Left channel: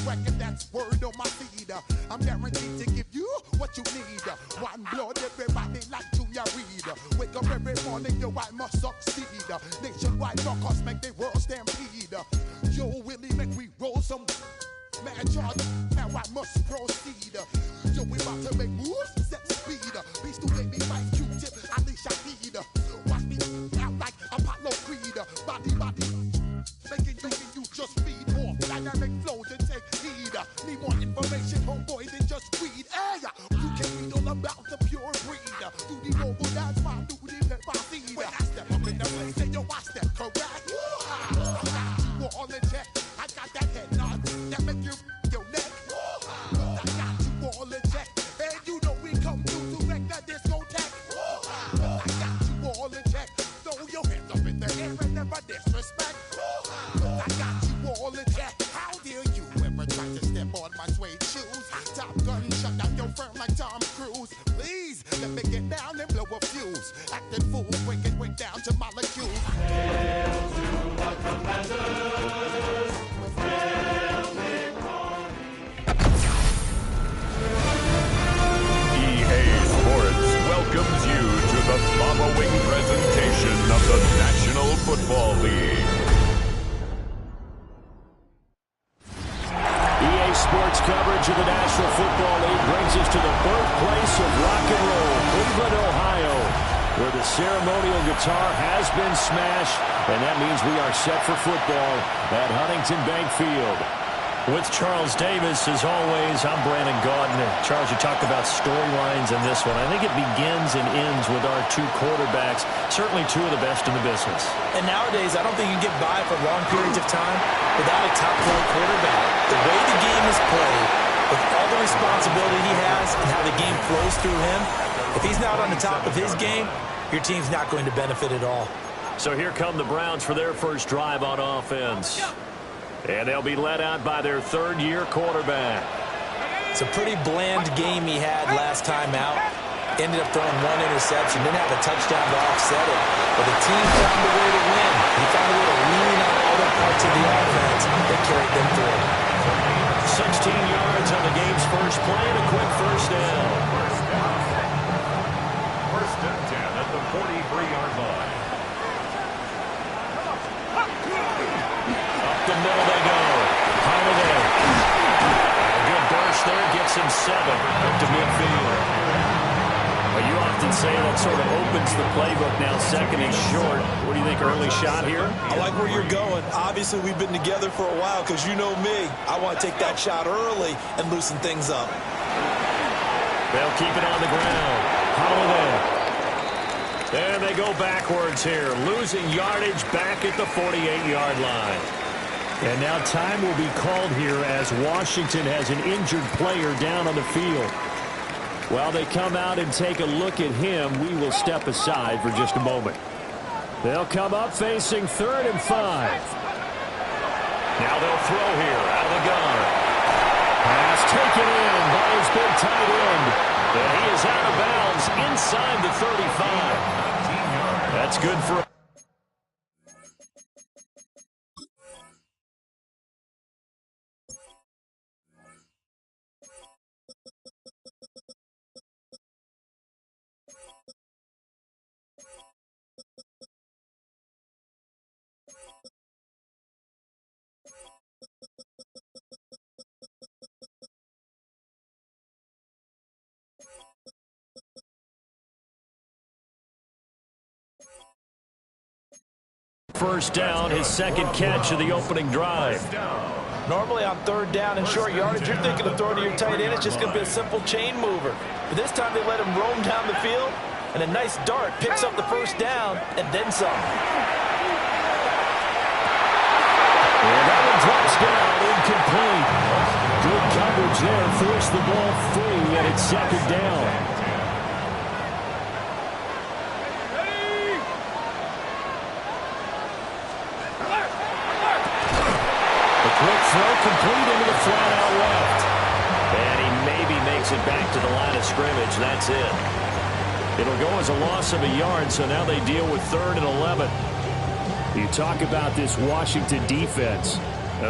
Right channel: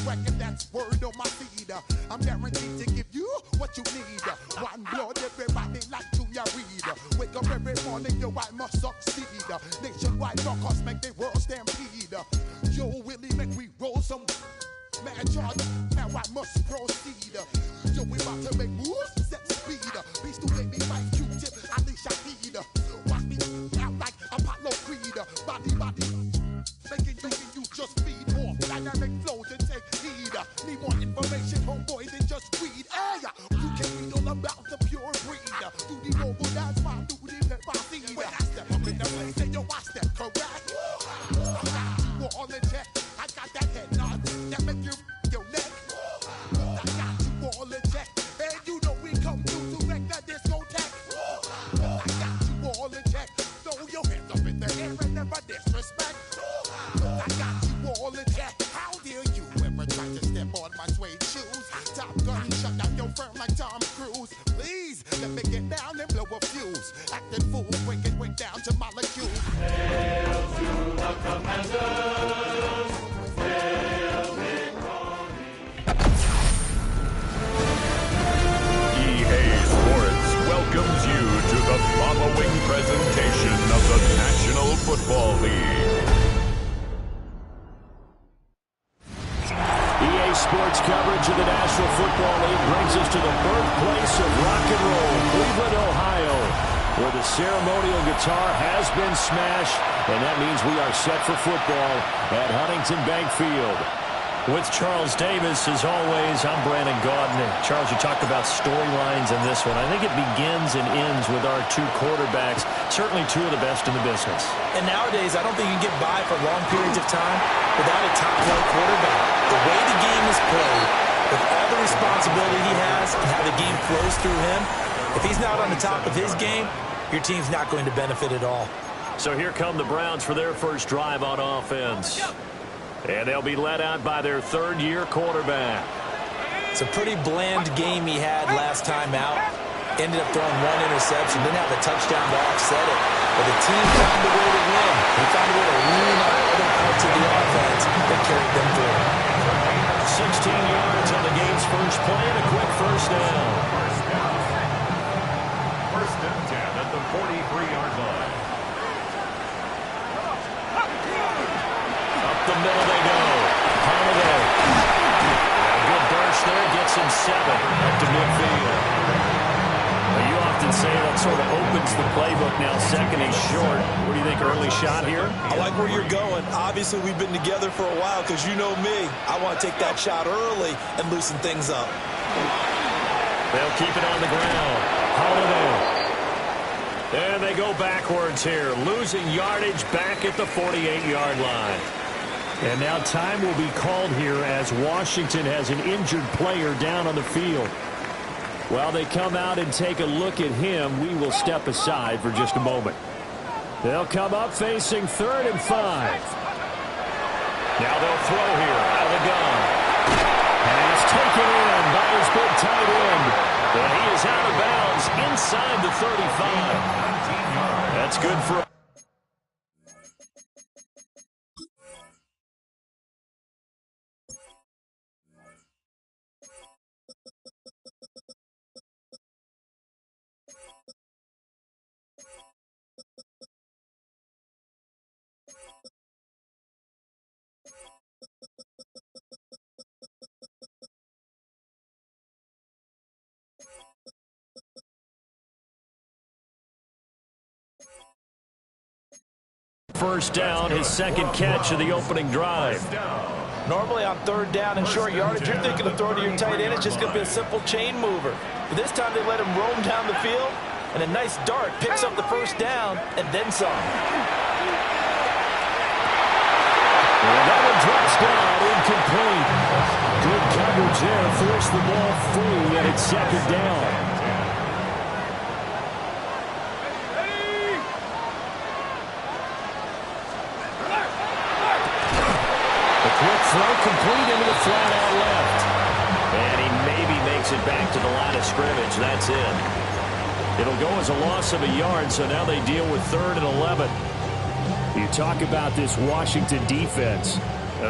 record, that's word on my feed. I'm guaranteed to give you what you need. One blood, everybody like Junior Reed. Wake up every morning, yo, I must succeed. Nationwide rockers make the world stampede. Yo, Willie, make we roll some mad charge. Now I must proceed. Yo, we about to make moves, set speed. Beast to make me fight Q-tip, Alicia Heed. Watch me out like Apollo Creed. Body, making you just feed more dynamic flows and take heed. Need more information, homeboy, than just weed. Hey, you can read all about the pure breed. Do the mogul, that's my duty, pepper seed. When I step up in the place, say yo, I step correct. I got you all in check. I got that head nod that make you your neck. I got you all in check. And you know we come through to wreck that discotheque. I got you all in check. Throw your hands up in the air and never disrespect. I got you all in check. How dare you ever try to step on my suede shoes? Top Gun shut down your firm like Tom Cruise. Please let me get down and blow a fuse. Acting fool, break it way down to molecules. Hail to the Commanders. Hail EA Sports welcomes you to the following presentation of the National Football League. EA Sports coverage of the National Football League brings us to the birthplace of rock and roll, Cleveland, Ohio, where the ceremonial guitar has been smashed, and that means we are set for football at Huntington Bank Field. With Charles Davis, as always, I'm Brandon Gaudin. Charles, you talked about storylines in this one. I think it begins and ends with our two quarterbacks, certainly two of the best in the business. And nowadays, I don't think you can get by for long periods of time without a top-flight quarterback. The way the game is played, with all the responsibility he has and how the game flows through him, if he's not on the top of his game, your team's not going to benefit at all. So here come the Browns for their first drive on offense. And they'll be led out by their third-year quarterback. It's a pretty bland game he had last time out. Ended up throwing one interception. Didn't have a touchdown to offset it. But the team found a way to win. He found a way to lean on other parts of the offense that carried them through. 16 yards on the game's first play and a quick first down. First and 10 at the 43-yard line. Up the middle they go. Holiday. A good burst there. Gets him 7 up to midfield. Well, you often say that sort of opens the playbook now. Second and short. What do you think, early shot here? I like where you're going. Obviously, we've been together for a while because you know me. I want to take that shot early and loosen things up. They'll keep it on the ground. Holiday. And they go backwards here, losing yardage back at the 48-yard line. And now time will be called here as Washington has an injured player down on the field. While they come out and take a look at him, we will step aside for just a moment. They'll come up facing 3rd and 5. Now they'll throw here out of the gun. Pass taken in by his big tight end. And he is out of bounds inside the 35. That's good for... First down, his second catch of the opening drive. Normally on 3rd down and short yardage, you're thinking of throwing to your tight end. It's just going to be a simple chain mover. But this time they let him roam down the field, and a nice dart picks up the first down and then some. And that one drops down, incomplete. Good coverage there, forced the ball free, and it's 2nd down. Quick throw complete into the flat out left. And he maybe makes it back to the line of scrimmage. That's it. It'll go as a loss of a yard, so now they deal with 3rd and 11. You talk about this Washington defense.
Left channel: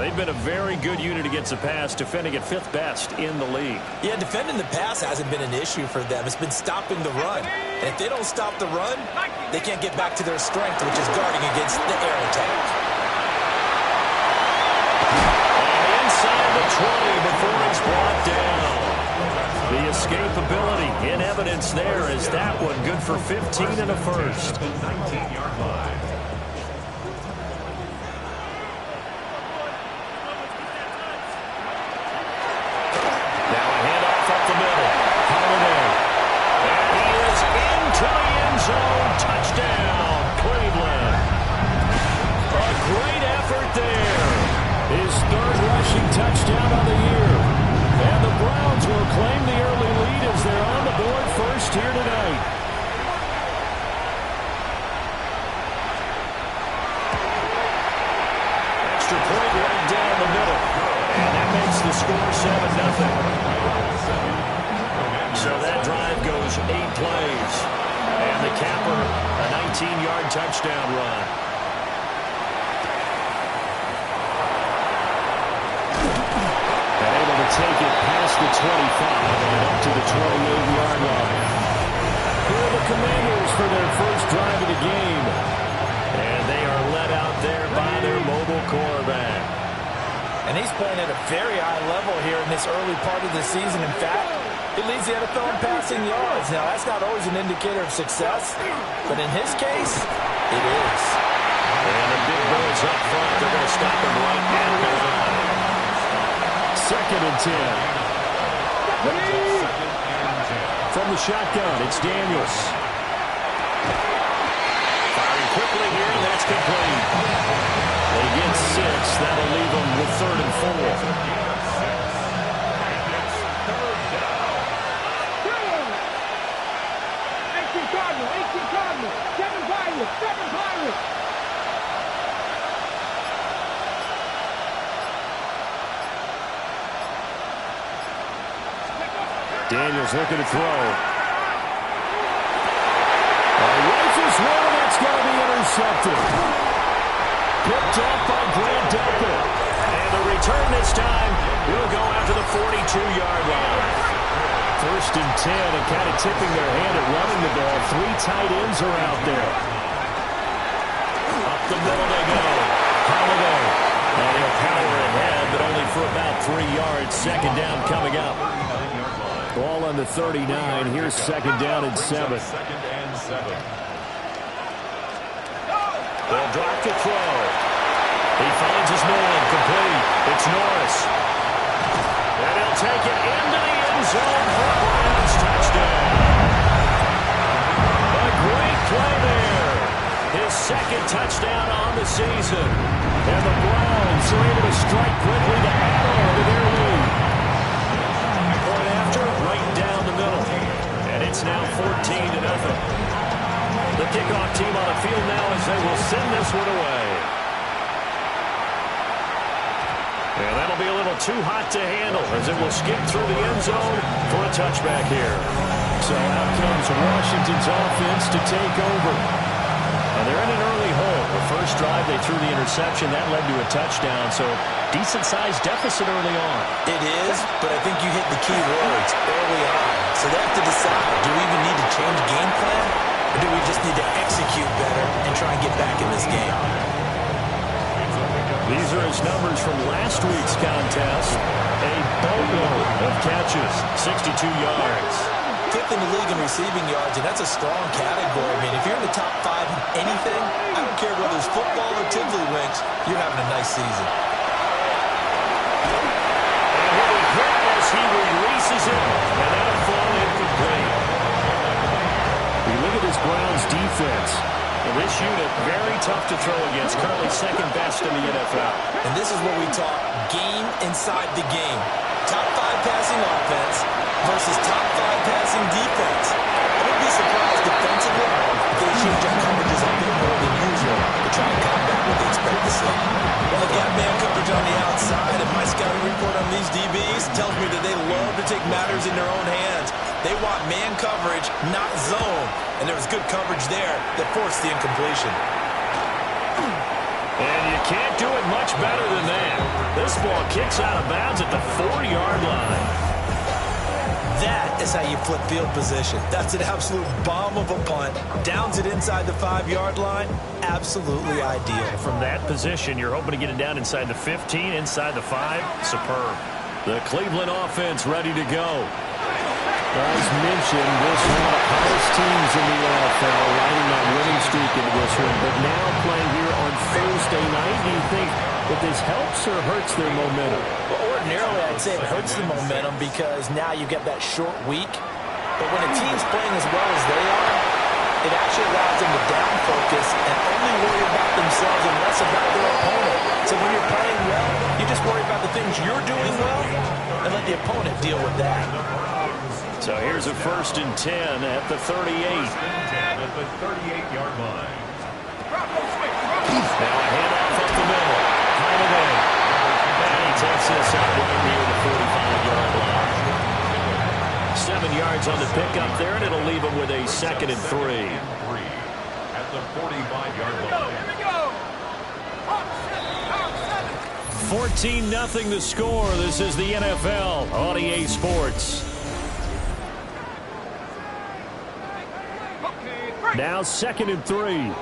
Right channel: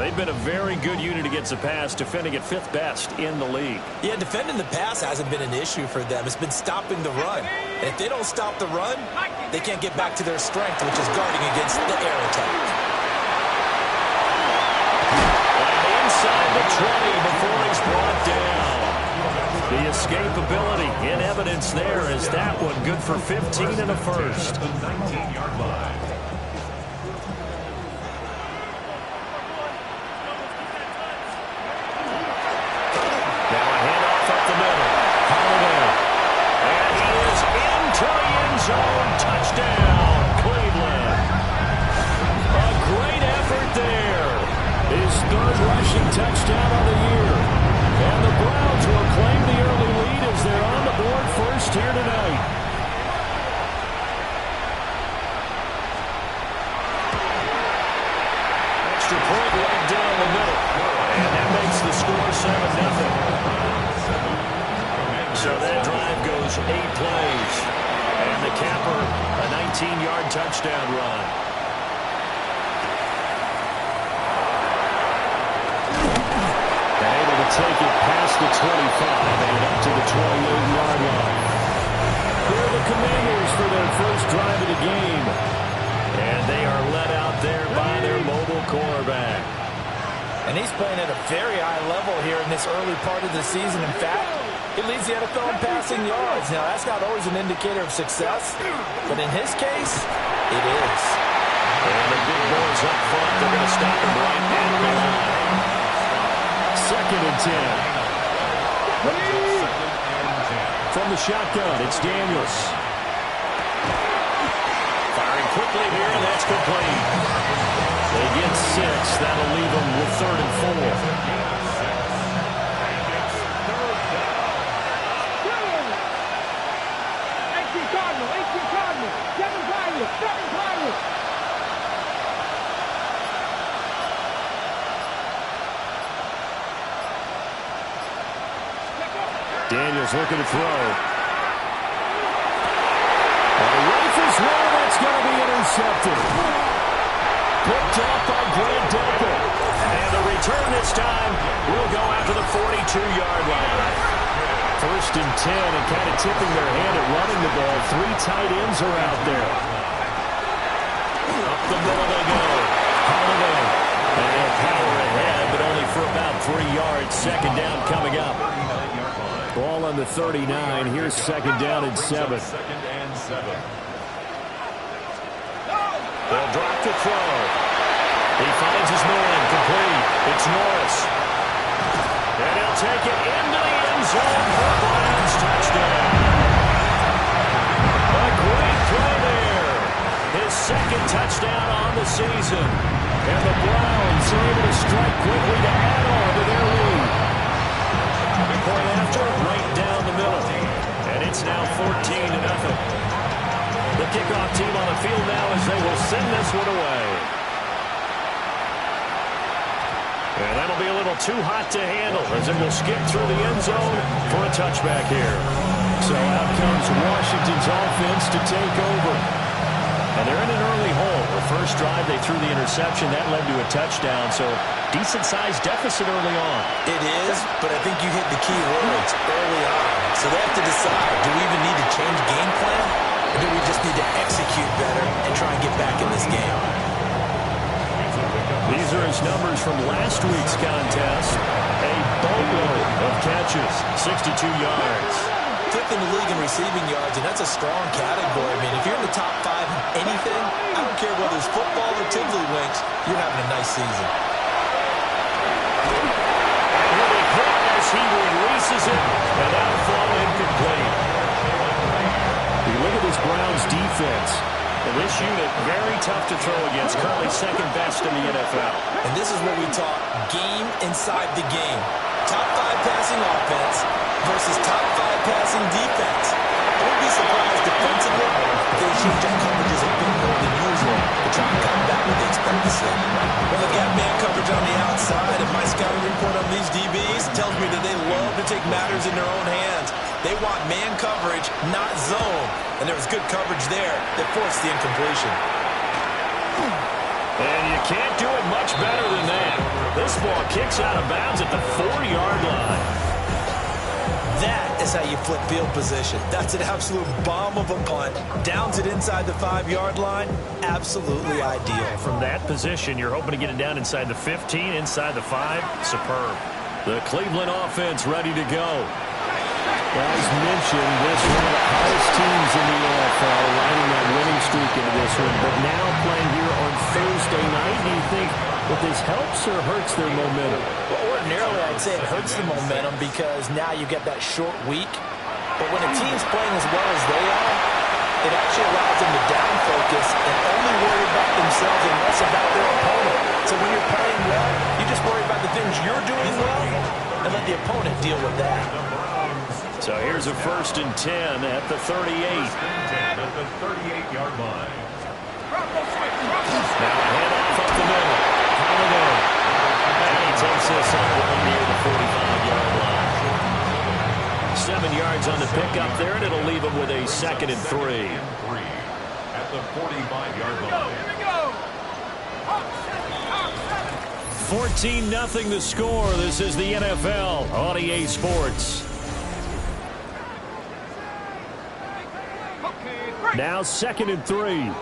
They've been a very good unit against the pass, defending at 5th best in the league. Yeah, defending the pass hasn't been an issue for them. It's been stopping the run. And if they don't stop the run, they can't get back to their strength, which is guarding against the air attack. And inside the 20 before he's brought down. The escapability in evidence there is that one good for 15 and a first. The 19-yard line. Now a handoff up the middle. Holiday. And he is into the end zone. Touchdown, Cleveland. A great effort there. His 3rd rushing touchdown on the year. And the Browns will claim the early lead as they're on the board first here tonight. Extra point right down the middle. And that makes the score 7-0. So that drive goes 8 plays. And the capper, a 19-yard touchdown run. And able to take it past the 25 and up to the 28-yard line. Here are the Commanders for their first drive of the game. And they are led out there by their mobile quarterback. And he's playing at a very high level here in this early part of the season. In fact, he leads the NFL in passing yards. Now, that's not always an indicator of success, but in his case, it is. And the big boys up front, they're going to stop him right at the line. 2nd and 10. From the shotgun, it's Daniels. Firing quickly here, and that's complete. They get 6. That'll leave them with 3rd and 4. 7 Pirates. Daniels looking to throw. Rifles one, and that's going to be intercepted. Picked off by Grant Delpit. And the return this time will go after the 42-yard line. 1st and 10, and kind of tipping their hand at running the ball. 3 tight ends are out there. Up the middle they go. Holiday. And he'll power ahead, but only for about 3 yards. 2nd down coming up. Ball on the 39. Here's 2nd down and 7. They'll drop to throw. He finds his man complete. It's Norris. And he'll take it into the end zone for a Browns touchdown. A great play there. His 2nd touchdown on the season. And the Browns are able to strike quickly to add on to their lead. Point after, right down the middle. And it's now 14-0. The kickoff team on the field now as they will send this one away. And that'll be a little too hot to handle as it will skip through the end zone for a touchback here. So out comes Washington's offense to take over. And they're in an early hole. The first drive, they threw the interception. That led to a touchdown, so decent-sized deficit early on. It is, but I think you hit the key words early on. So they have to decide, do we even need to change game plan, or do we just need to execute better and try and get back in this game? These are his numbers from last week's contest. A boatload of catches, 62 yards. 5th in the league in receiving yards, and that's a strong category. I mean, if you're in the top 5 in anything, I don't care whether it's football or tiddlywinks, you're having a nice season. And he'll be hit as he releases it, and that'll fall incomplete. We look at this Browns defense. And this unit, very tough to throw against, currently 2nd best in the NFL. And this is what we talk, game inside the game. Top 5 passing offense versus top 5 passing defense. I wouldn't be surprised defensively if they change up coverages a bit more than usual to try and combat what they expect to see. Well, they've got man coverage on the outside, and my scouting report on these DBs tells me that they love to take matters in their own hands. They want man coverage, not zone. And there was good coverage there that forced the incompletion. And you can't do it much better than that. This ball kicks out of bounds at the 4-yard line. That is how you flip field position. That's an absolute bomb of a punt. Downs it inside the 5-yard line. Absolutely ideal. From that position, you're hoping to get it down inside the 15, inside the 5. Superb. The Cleveland offense ready to go. As mentioned, this is one of the hottest teams in the NFL, riding that winning streak into this one. But now playing here on Thursday night, do you think that this helps or hurts their momentum? Well, ordinarily, I'd say it hurts the momentum because now you get that short week. But when a team's playing as well as they are, it actually allows them to down focus and only worry about themselves and less about their opponent. So when you're playing well, you just worry about the things you're doing well and let the opponent deal with that. So here's a 1st and 10 at the 38. At the 38-yard line. Now a handoff up the middle. Holiday. And he takes this up right near the 45-yard line. 7 yards on the pickup there, and it'll leave him with a 2nd and 3. At the 45-yard line. Here we go. 14-0 the score. This is the NFL on EA Sports. Now 2nd and 3.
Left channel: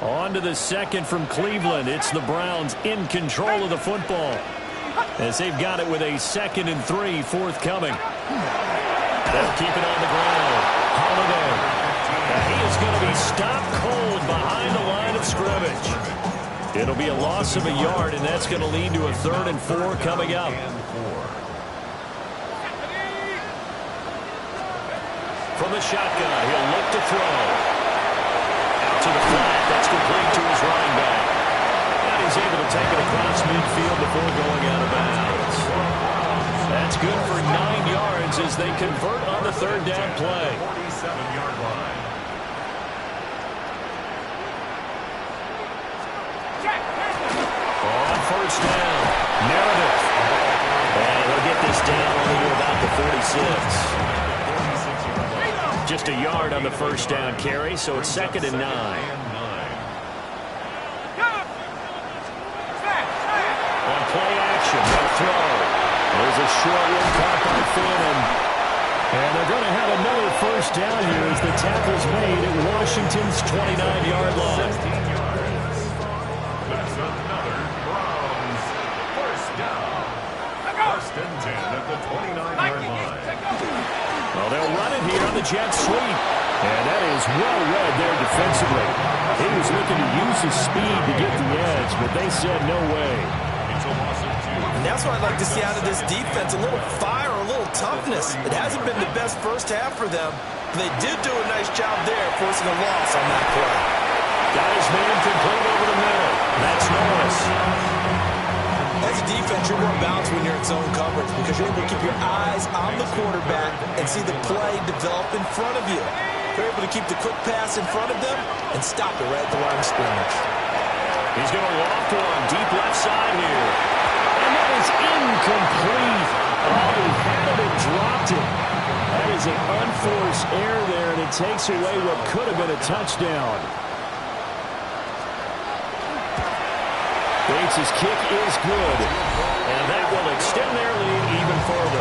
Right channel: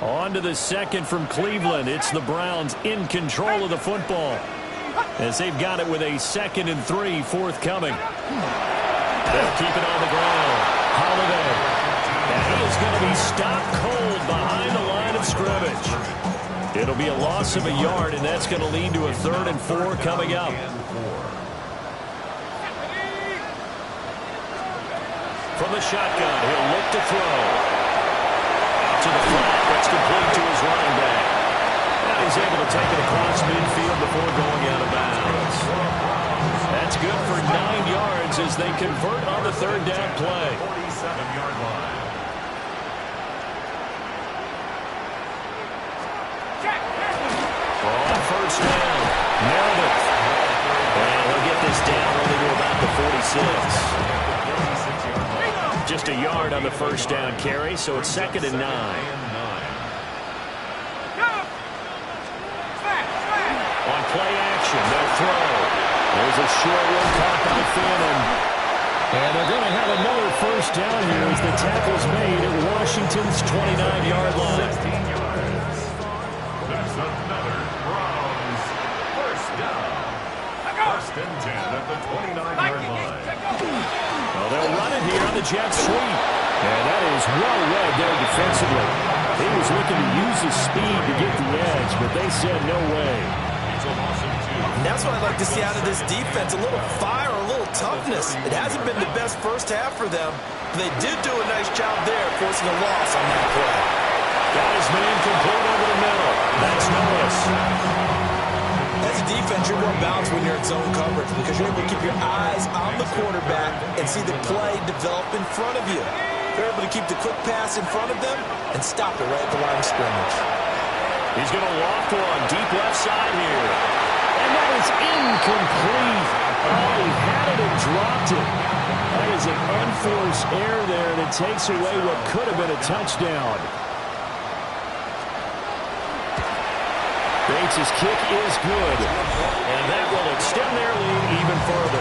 On to the 2nd from Cleveland. It's the Browns in control of the football as they've got it with a 2nd and 3 forthcoming. They'll keep it on the ground. Holiday. And he is going to be stopped cold behind the line of scrimmage. It'll be a loss of a yard, and that's going to lead to a 3rd and 4 coming up. From the shotgun, he'll look to throw. Out to the flat. That's complete to his running back. And he's able to take it across midfield before going out of bounds. That's good for 9 yards as they convert on the 3rd down play. 47-yard line. On 1st down, Meredith. And he'll get this down only to about the 46. Just a yard on the 1st down carry, so it's 2nd and 9. On play action, they'll throw. There's a short one caught by Fannin. And they're going to have another 1st down here as the tackle's made at Washington's 29-yard line. 16 yards. That's another Browns 1st down. 1st and 10 at the 29-yard line. Well, they'll run it here on the jet sweep. And that is well read there defensively. He was looking to use his speed to get the edge, but they said no way. It's a loss of 2. And that's what I'd like to see out of this defense, a little fire, a little toughness. It hasn't been the best first half for them, but they did do a nice job there forcing a loss on that play. Got his man complete over the middle. That's Norris. As a defense, you're more balanced when you're in zone coverage because you're able to keep your eyes on the quarterback and see the play develop in front of you. You're able to keep the quick pass in front of them and stop it right at the line of scrimmage. He's going to loft one deep left side here. And that is incomplete. Oh, he had it and dropped it. That is an unforced error there, and it takes away what could have been a touchdown. Bates' kick is good, and that will extend their lead even further.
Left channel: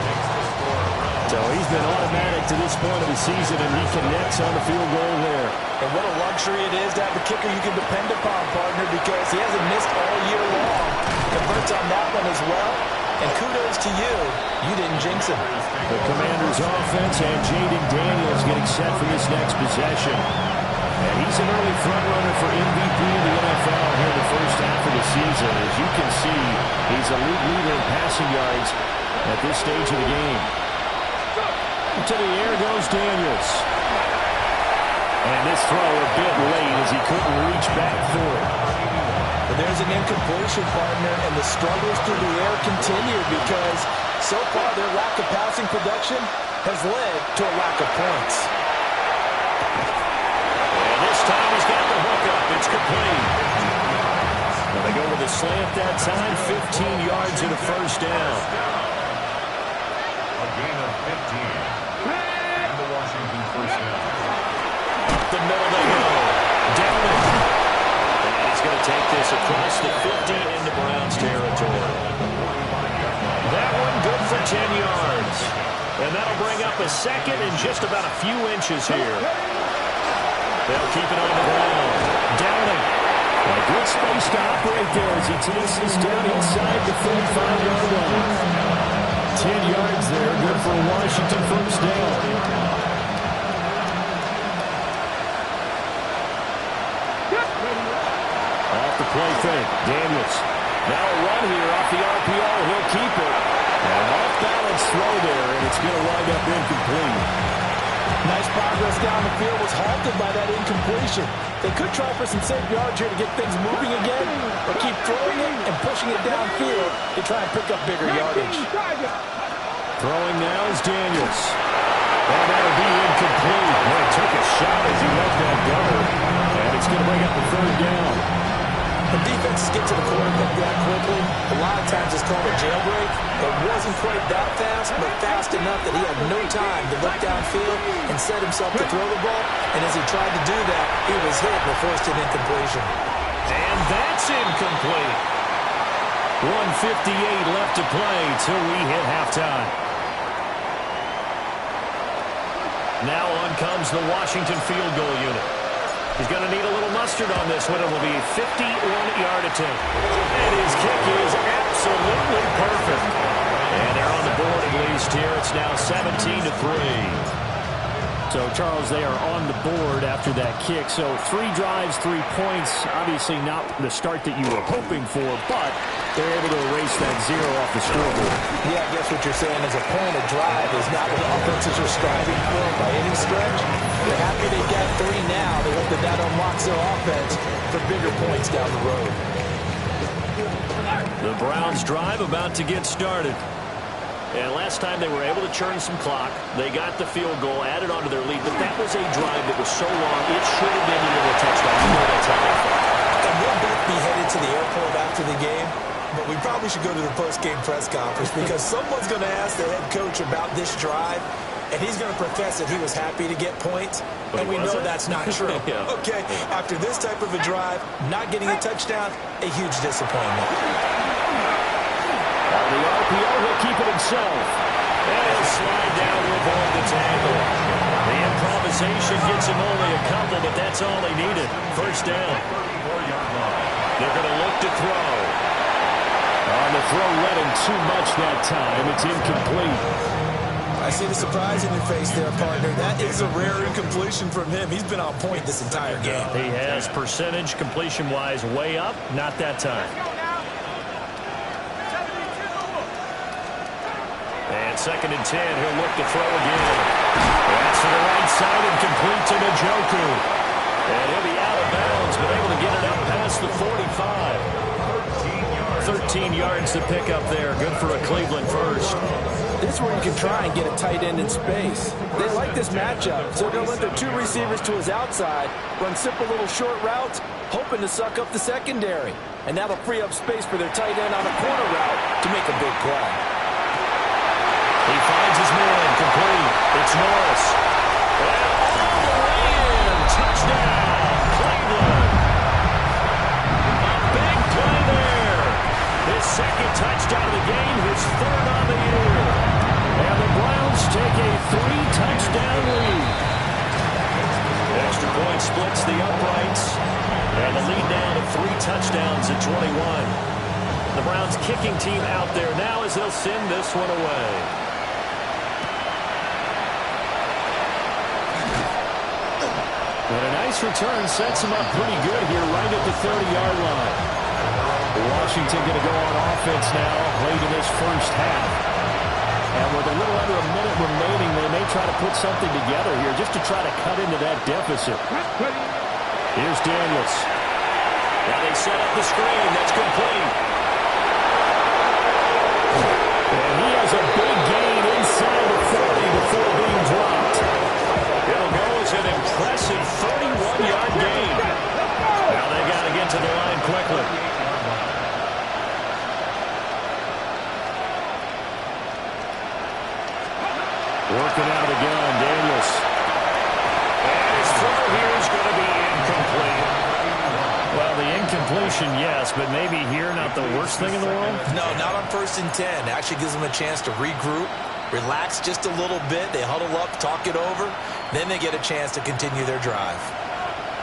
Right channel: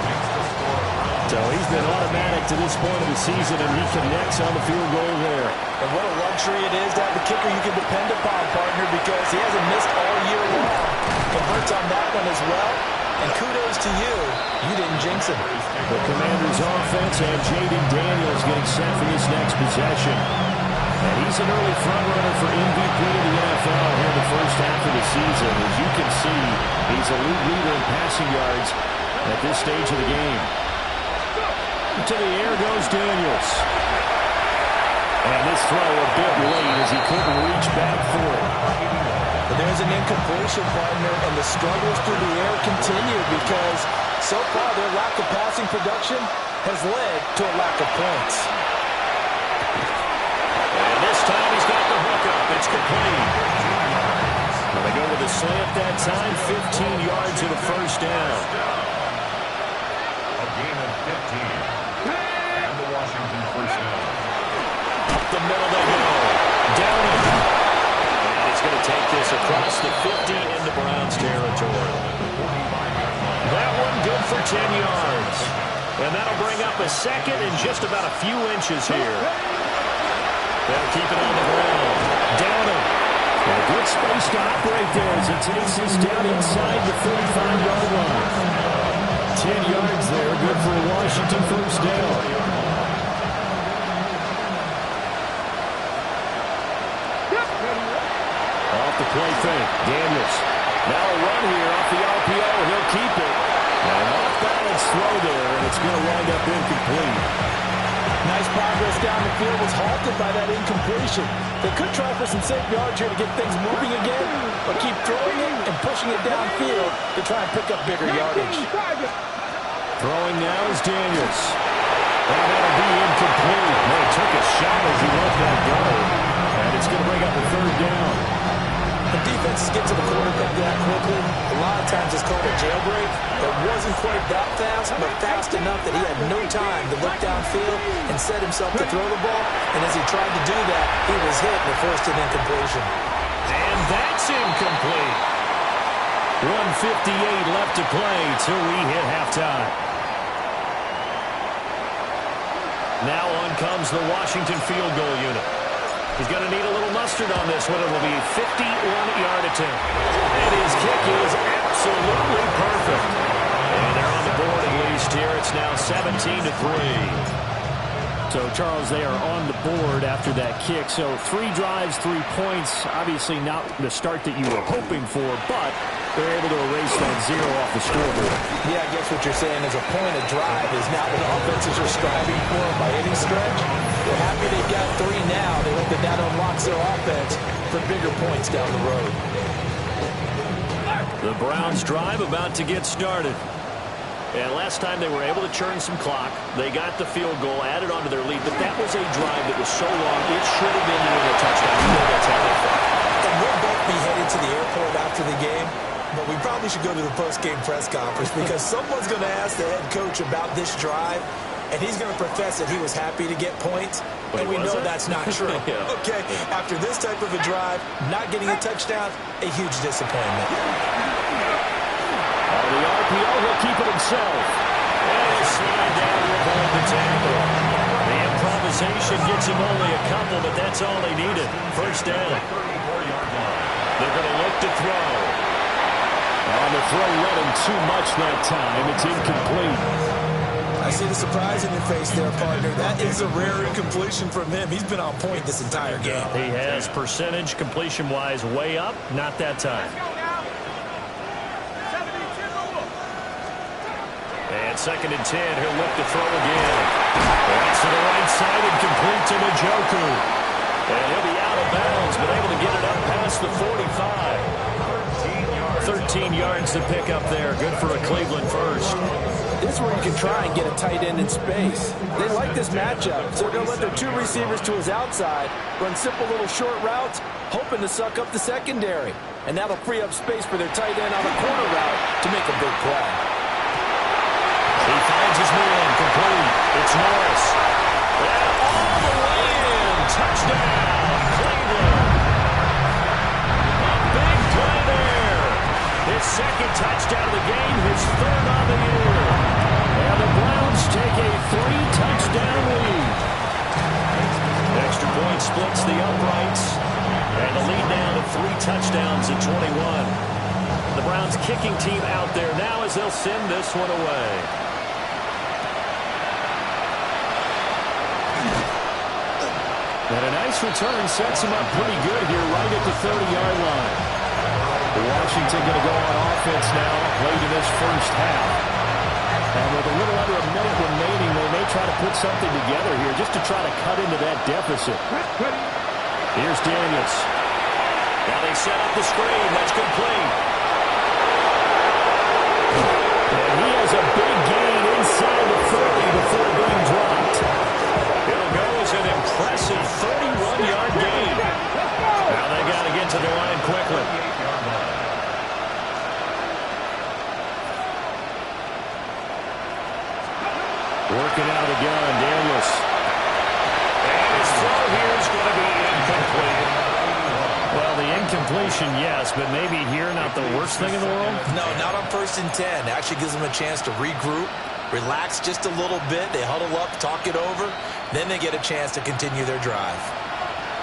So he's been automatic to this point of the season, and he connects on the field goal there. And what a luxury it is to have a kicker you can depend upon, partner, because he hasn't missed all year long. Converts on that one as well, and kudos to you. You didn't jinx him. The Commanders' offense and Jaden Daniels getting set for this next possession. And he's an early front-runner for MVP in the NFL here in the first half of the season. As you can see, he's a league leader in passing yards at this stage of the game. To the air goes Daniels. And this throw a bit late as he couldn't reach back for it. But there's an incompletion, partner, and the struggles through the air continue because so far their lack of passing production has led to a lack of points. And this time he's got the hook up. It's complete. Well, they go with a slant that time, 15 yards and a 1st down. A gain of 15. And the Washington 1st down. Up the middle they go. Down it. And he's going to take this across the 50 into Browns territory. That one good for 10 yards. And that'll bring up a second and just about a few inches here. They'll keep it on the ground. Downing. And a good space to operate there as he takes this down inside the 35-yard line. 10 yards there, good for a Washington first down. Off the play fake, Daniels. Now a run here off the RPO. He'll keep it. And off balance throw there, and it's going to wind up incomplete. Nice progress down the field, was halted by that incompletion. They could try for some safe yards here to get things moving again, or keep throwing it and pushing it downfield to try and pick up bigger yardage. Throwing now is Daniels. And that'll be incomplete. Well, he took a shot as he let that go. And it's going to bring up a third down. When defenses get to the quarterback that quickly, a lot of times it's called a jailbreak. It wasn't quite that fast, but fast enough that he had no time to look downfield and set himself to throw the ball. And as he tried to do that, he was hit and forced an incompletion. And that's incomplete. 1:58 left to play till we hit halftime. Now on comes the Washington field goal unit. He's going to need a little mustard on this one. It will be a 51-yard attempt. And his kick is absolutely perfect. And they're on the board at least here. It's now 17-3. So, Charles, they are on the board after that kick. So 3 drives, 3 points. Obviously not the start that you were hoping for, but they're able to erase that 0 off the scoreboard. Yeah, I guess what you're saying is a point of drive is not what offenses are striving for by any stretch. They're happy they got 3 now. They hope that that unlocks their offense for bigger points down the road. The Browns drive about to get started. And last time they were able to churn some clock. They got the field goal, added onto their lead. But that was a drive that was so long, it should have ended in a touchdown. You know that's how they felt. And we'll both be headed to the airport after the game. But we probably should go to the post-game press conference because someone's going to ask the head coach about this drive. And he's going to profess that he was happy to get points. And we know that's not true. Yeah. Okay, after this type of a drive, not getting a touchdown, a huge disappointment. On the RPO, he'll keep it himself. And he'll slide down to avoid the tackle. The improvisation gets him only a couple, but that's all he needed. First down. 34-yard line. They're going to look to throw. On the throw, let him too much that time. It's incomplete. I see the surprise in your face there, partner. That is a rare incompletion from him. He's been on point this entire game. He has percentage completion-wise way up. Not that time. And 2nd and 10, he'll look to throw again. That's to the right side and complete to Njoku. And he'll be out of bounds, but able to get it up past the 45. 13 yards to pick up there. Good for a Cleveland first. This is where you can try and get a tight end in space. They like this matchup, so they'll let their 2 receivers to his outside run simple little short routes, hoping to suck up the secondary. And that'll free up space for their tight end on a corner route to make a big play. He finds his man, complete. It's Norris. And all the way in. Touchdown, Cleveland. A big play there. His 2nd touchdown of the game, his 3rd on the year. And the Browns take a 3-touchdown lead. Extra point splits the uprights. And the lead now to 3 touchdowns at 21. The Browns kicking team out there now as they'll send this one away. And a nice return sets him up pretty good here right at the 30-yard line. Washington going to go on offense now late in this first half. And with a little under a minute remaining, they may try to put something together here just to try to cut into that deficit. Here's Daniels. Now they set up the screen. That's complete. And he has a big gain inside the 40 before being dropped. It'll go as an impressive 31-yard gain. Now they got to get to the line quickly. Working out of the gun, Daniels. And his throw here is going to be incomplete. Well, the incomplete motion, yes, but maybe here not the worst thing in the world? No, not on 1st and 10. It actually gives them a chance to regroup, relax just a little bit. They huddle up, talk it over. Then they get a chance to continue their drive.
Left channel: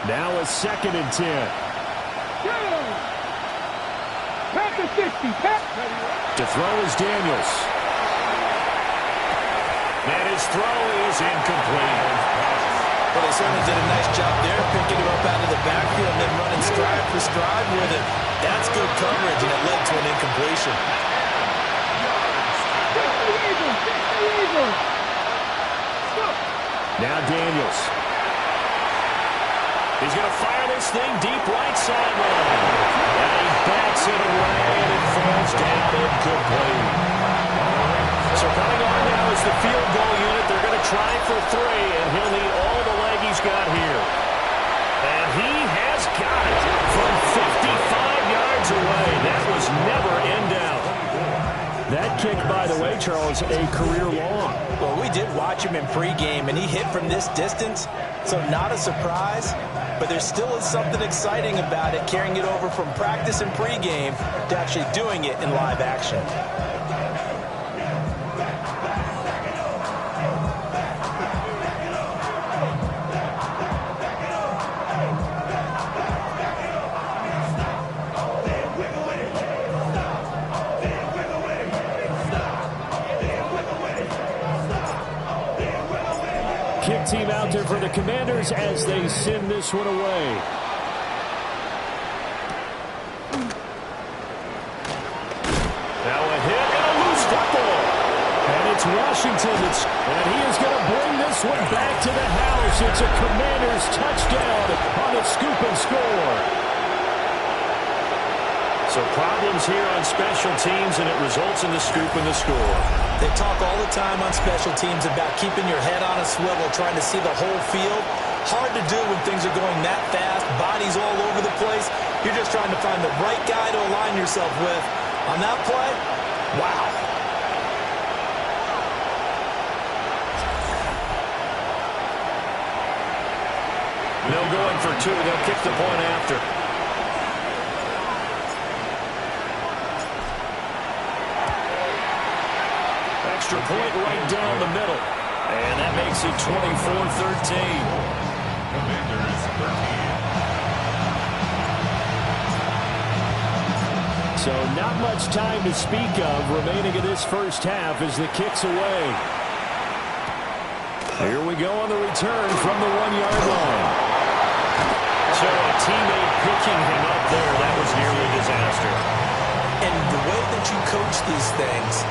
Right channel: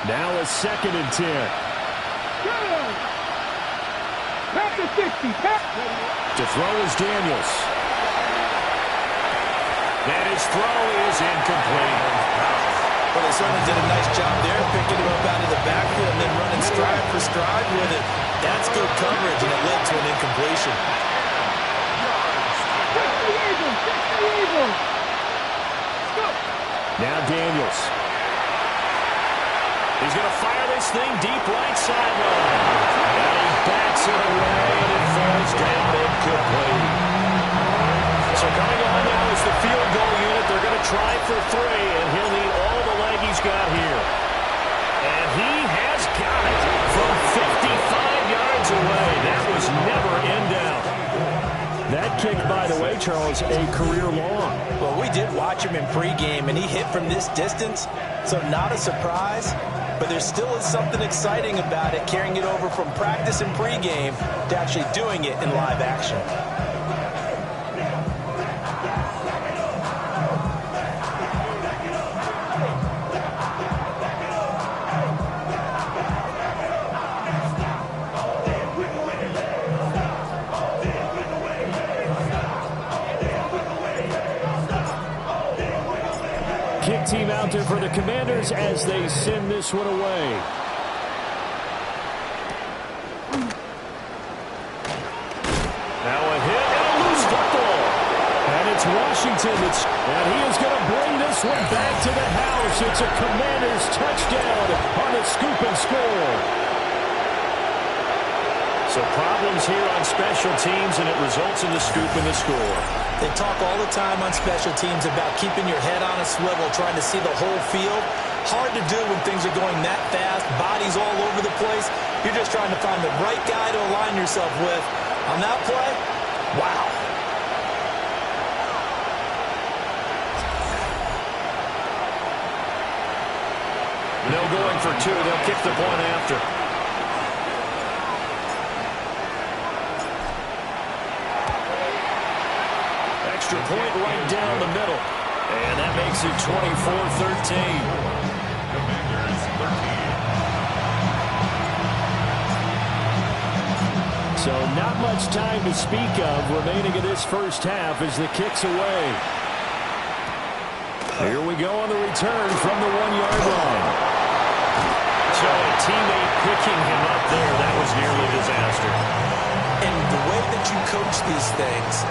Now a 2nd and 10. Pass to 60. Pass. To throw is Daniels. And his throw is incomplete. Well, they certainly did a nice job there, picking him up out of the backfield and then running stride for stride with it. That's good coverage, and it led to an incompletion. 60 Eagles. Now Daniels. He's going to fire this thing deep right sideline. And he bats it away, and it falls down incomplete. So coming on now is the field goal unit. They're going to try for 3, and he'll need all the leg he's got here. And he has got it from 55 yards away. That was never in doubt. That kick, by the way, Charles, a career long. Well, we did watch him in pregame, and he hit from this distance, so not a surprise. But there still is something exciting about it, carrying it over from practice and pregame to actually doing it in live action. Kick team out there for the Commanders as they send this one away. Now a hit and a loose football. And it's Washington and he is going to bring this one back to the house. It's a Commanders touchdown on the scoop and score. So problems here on special teams, and it results in the scoop and the score. They talk all the time on special teams about keeping your head on a swivel, trying to see the whole field. Hard to do when things are going that fast, bodies all over the place. You're just trying to find the right guy to align yourself with. On that play, wow. No going for 2. They'll kick the point after. Extra point right down the middle. And that makes it 24-13. Commanders 13. So not much time to speak of remaining in this first half as the kick's away. Here we go on the return from the 1-yard line. So a teammate picking him up there, that was nearly a disaster. And the way that you coach these things,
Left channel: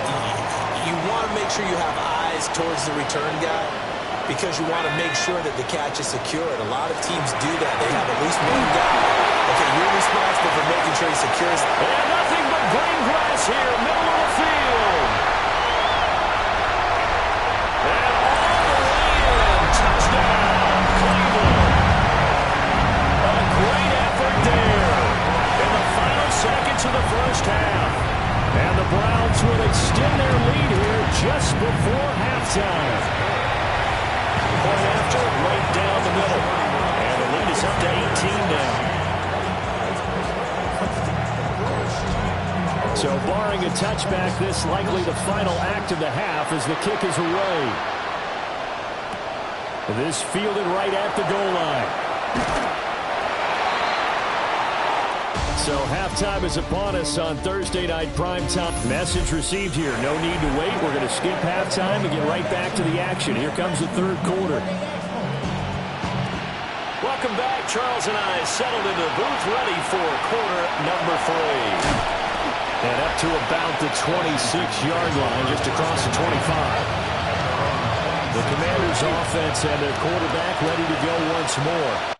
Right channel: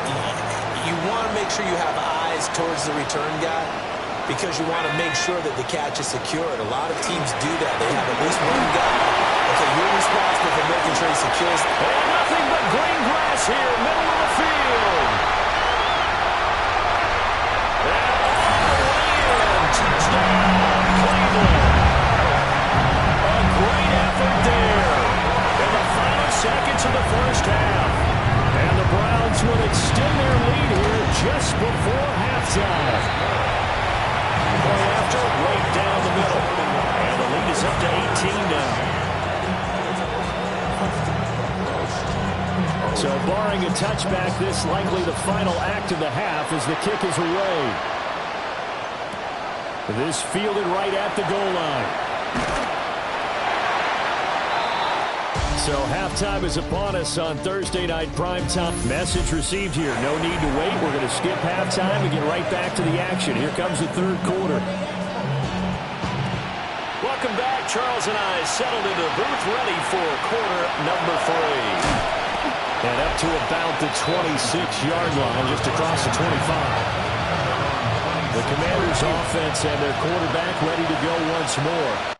you want to make sure you have eyes towards the return guy because you want to make sure that the catch is secured. A lot of teams do that. They have at least one guy. Okay, you're responsible for making sure he secures. And nothing but green grass here, middle of the field. And all the way in, touchdown, Cleveland. A great effort there in the final seconds of the first half. And the Browns will extend their lead here just before halftime. Point after, right down the middle. And the lead is up to 18 now. So barring a touchback, this likely the final act of the half as the kick is away. This fielded right at the goal line. So halftime is upon us on Thursday Night Primetime. Message received here. No need to wait. We're going to skip halftime and get right back to the action. Here comes the third quarter. Welcome back. Charles and I settled into the booth ready for quarter number 3. And up to about the 26-yard line, just across the 25. The Commanders' offense and their quarterback ready to go once more.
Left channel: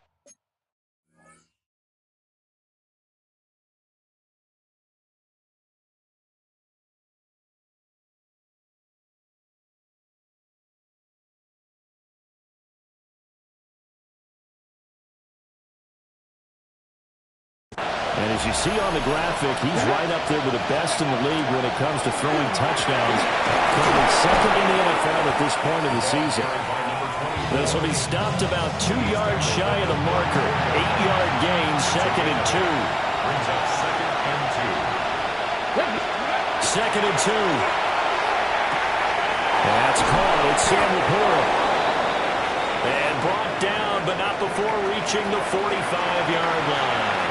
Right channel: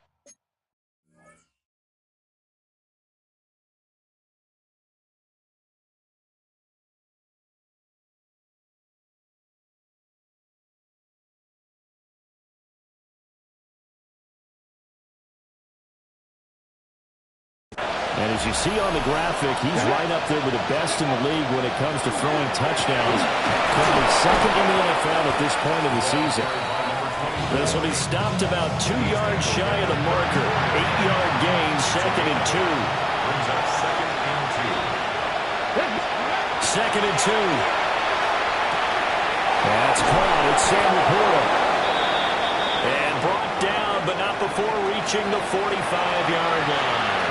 And as you see on the graphic, he's right up there with the best in the league when it comes to throwing touchdowns. Currently second in the NFL at this point of the season. This will be stopped about 2 yards shy of the marker. 8-yard gain, 2nd and 2. brings up 2nd and 2. 2nd and 2. That's caught. It's Sam Laporta. And brought down, but not before reaching the 45-yard line.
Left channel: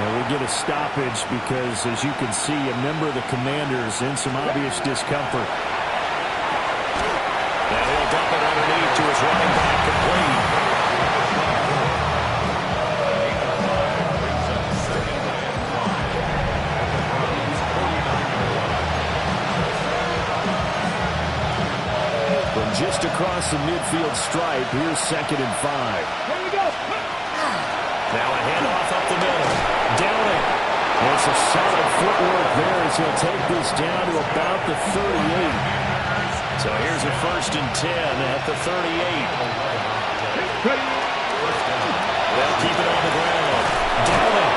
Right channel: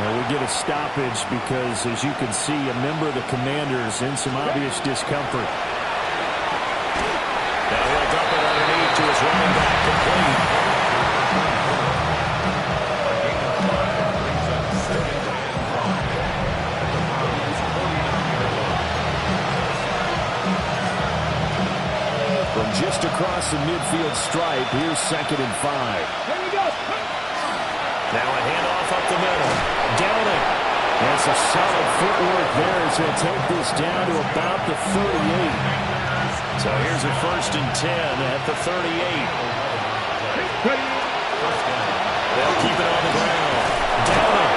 Now we get a stoppage because, as you can see, a member of the Commanders in some obvious discomfort. Now he'll dump it underneath to his running back, complete. A gain of 5 brings up 2nd and 5 at the Browns' 49-yard line. From just across the midfield stripe, here's 2nd and 5. Here we go. Now a handoff up the middle. Downing. It's a solid footwork there as he'll take this down to about the 38. So here's a 1st and 10 at the 38. They'll keep it on the ground. Downing.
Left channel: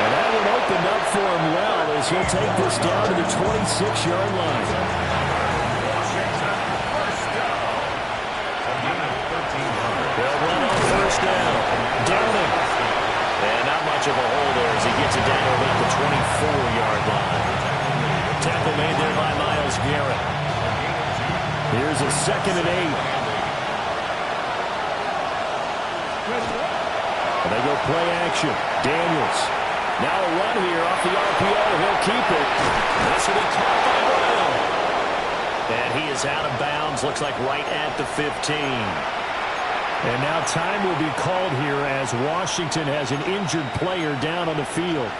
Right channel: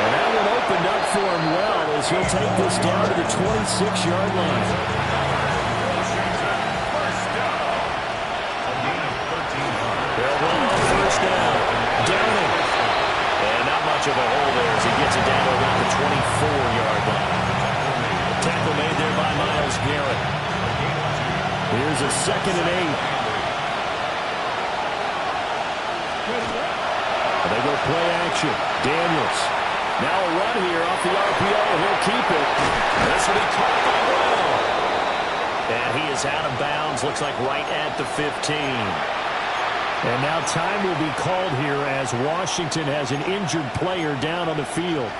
And that one opened up for him well as he'll take this down to the 26-yard line. Washington, first down. A gain of 13 yards. They'll run on 1st down. Downing. And not much of a hole there as he gets it down to about the 24-yard line. Tackle made there by Myles Garrett. Here's a 2nd and 8. They go play action. Daniels. Now a run here off the RPO. He'll keep it. This will be caught by Brown. And he is out of bounds. Looks like right at the 15. And now time will be called here as Washington has an injured player down on the field.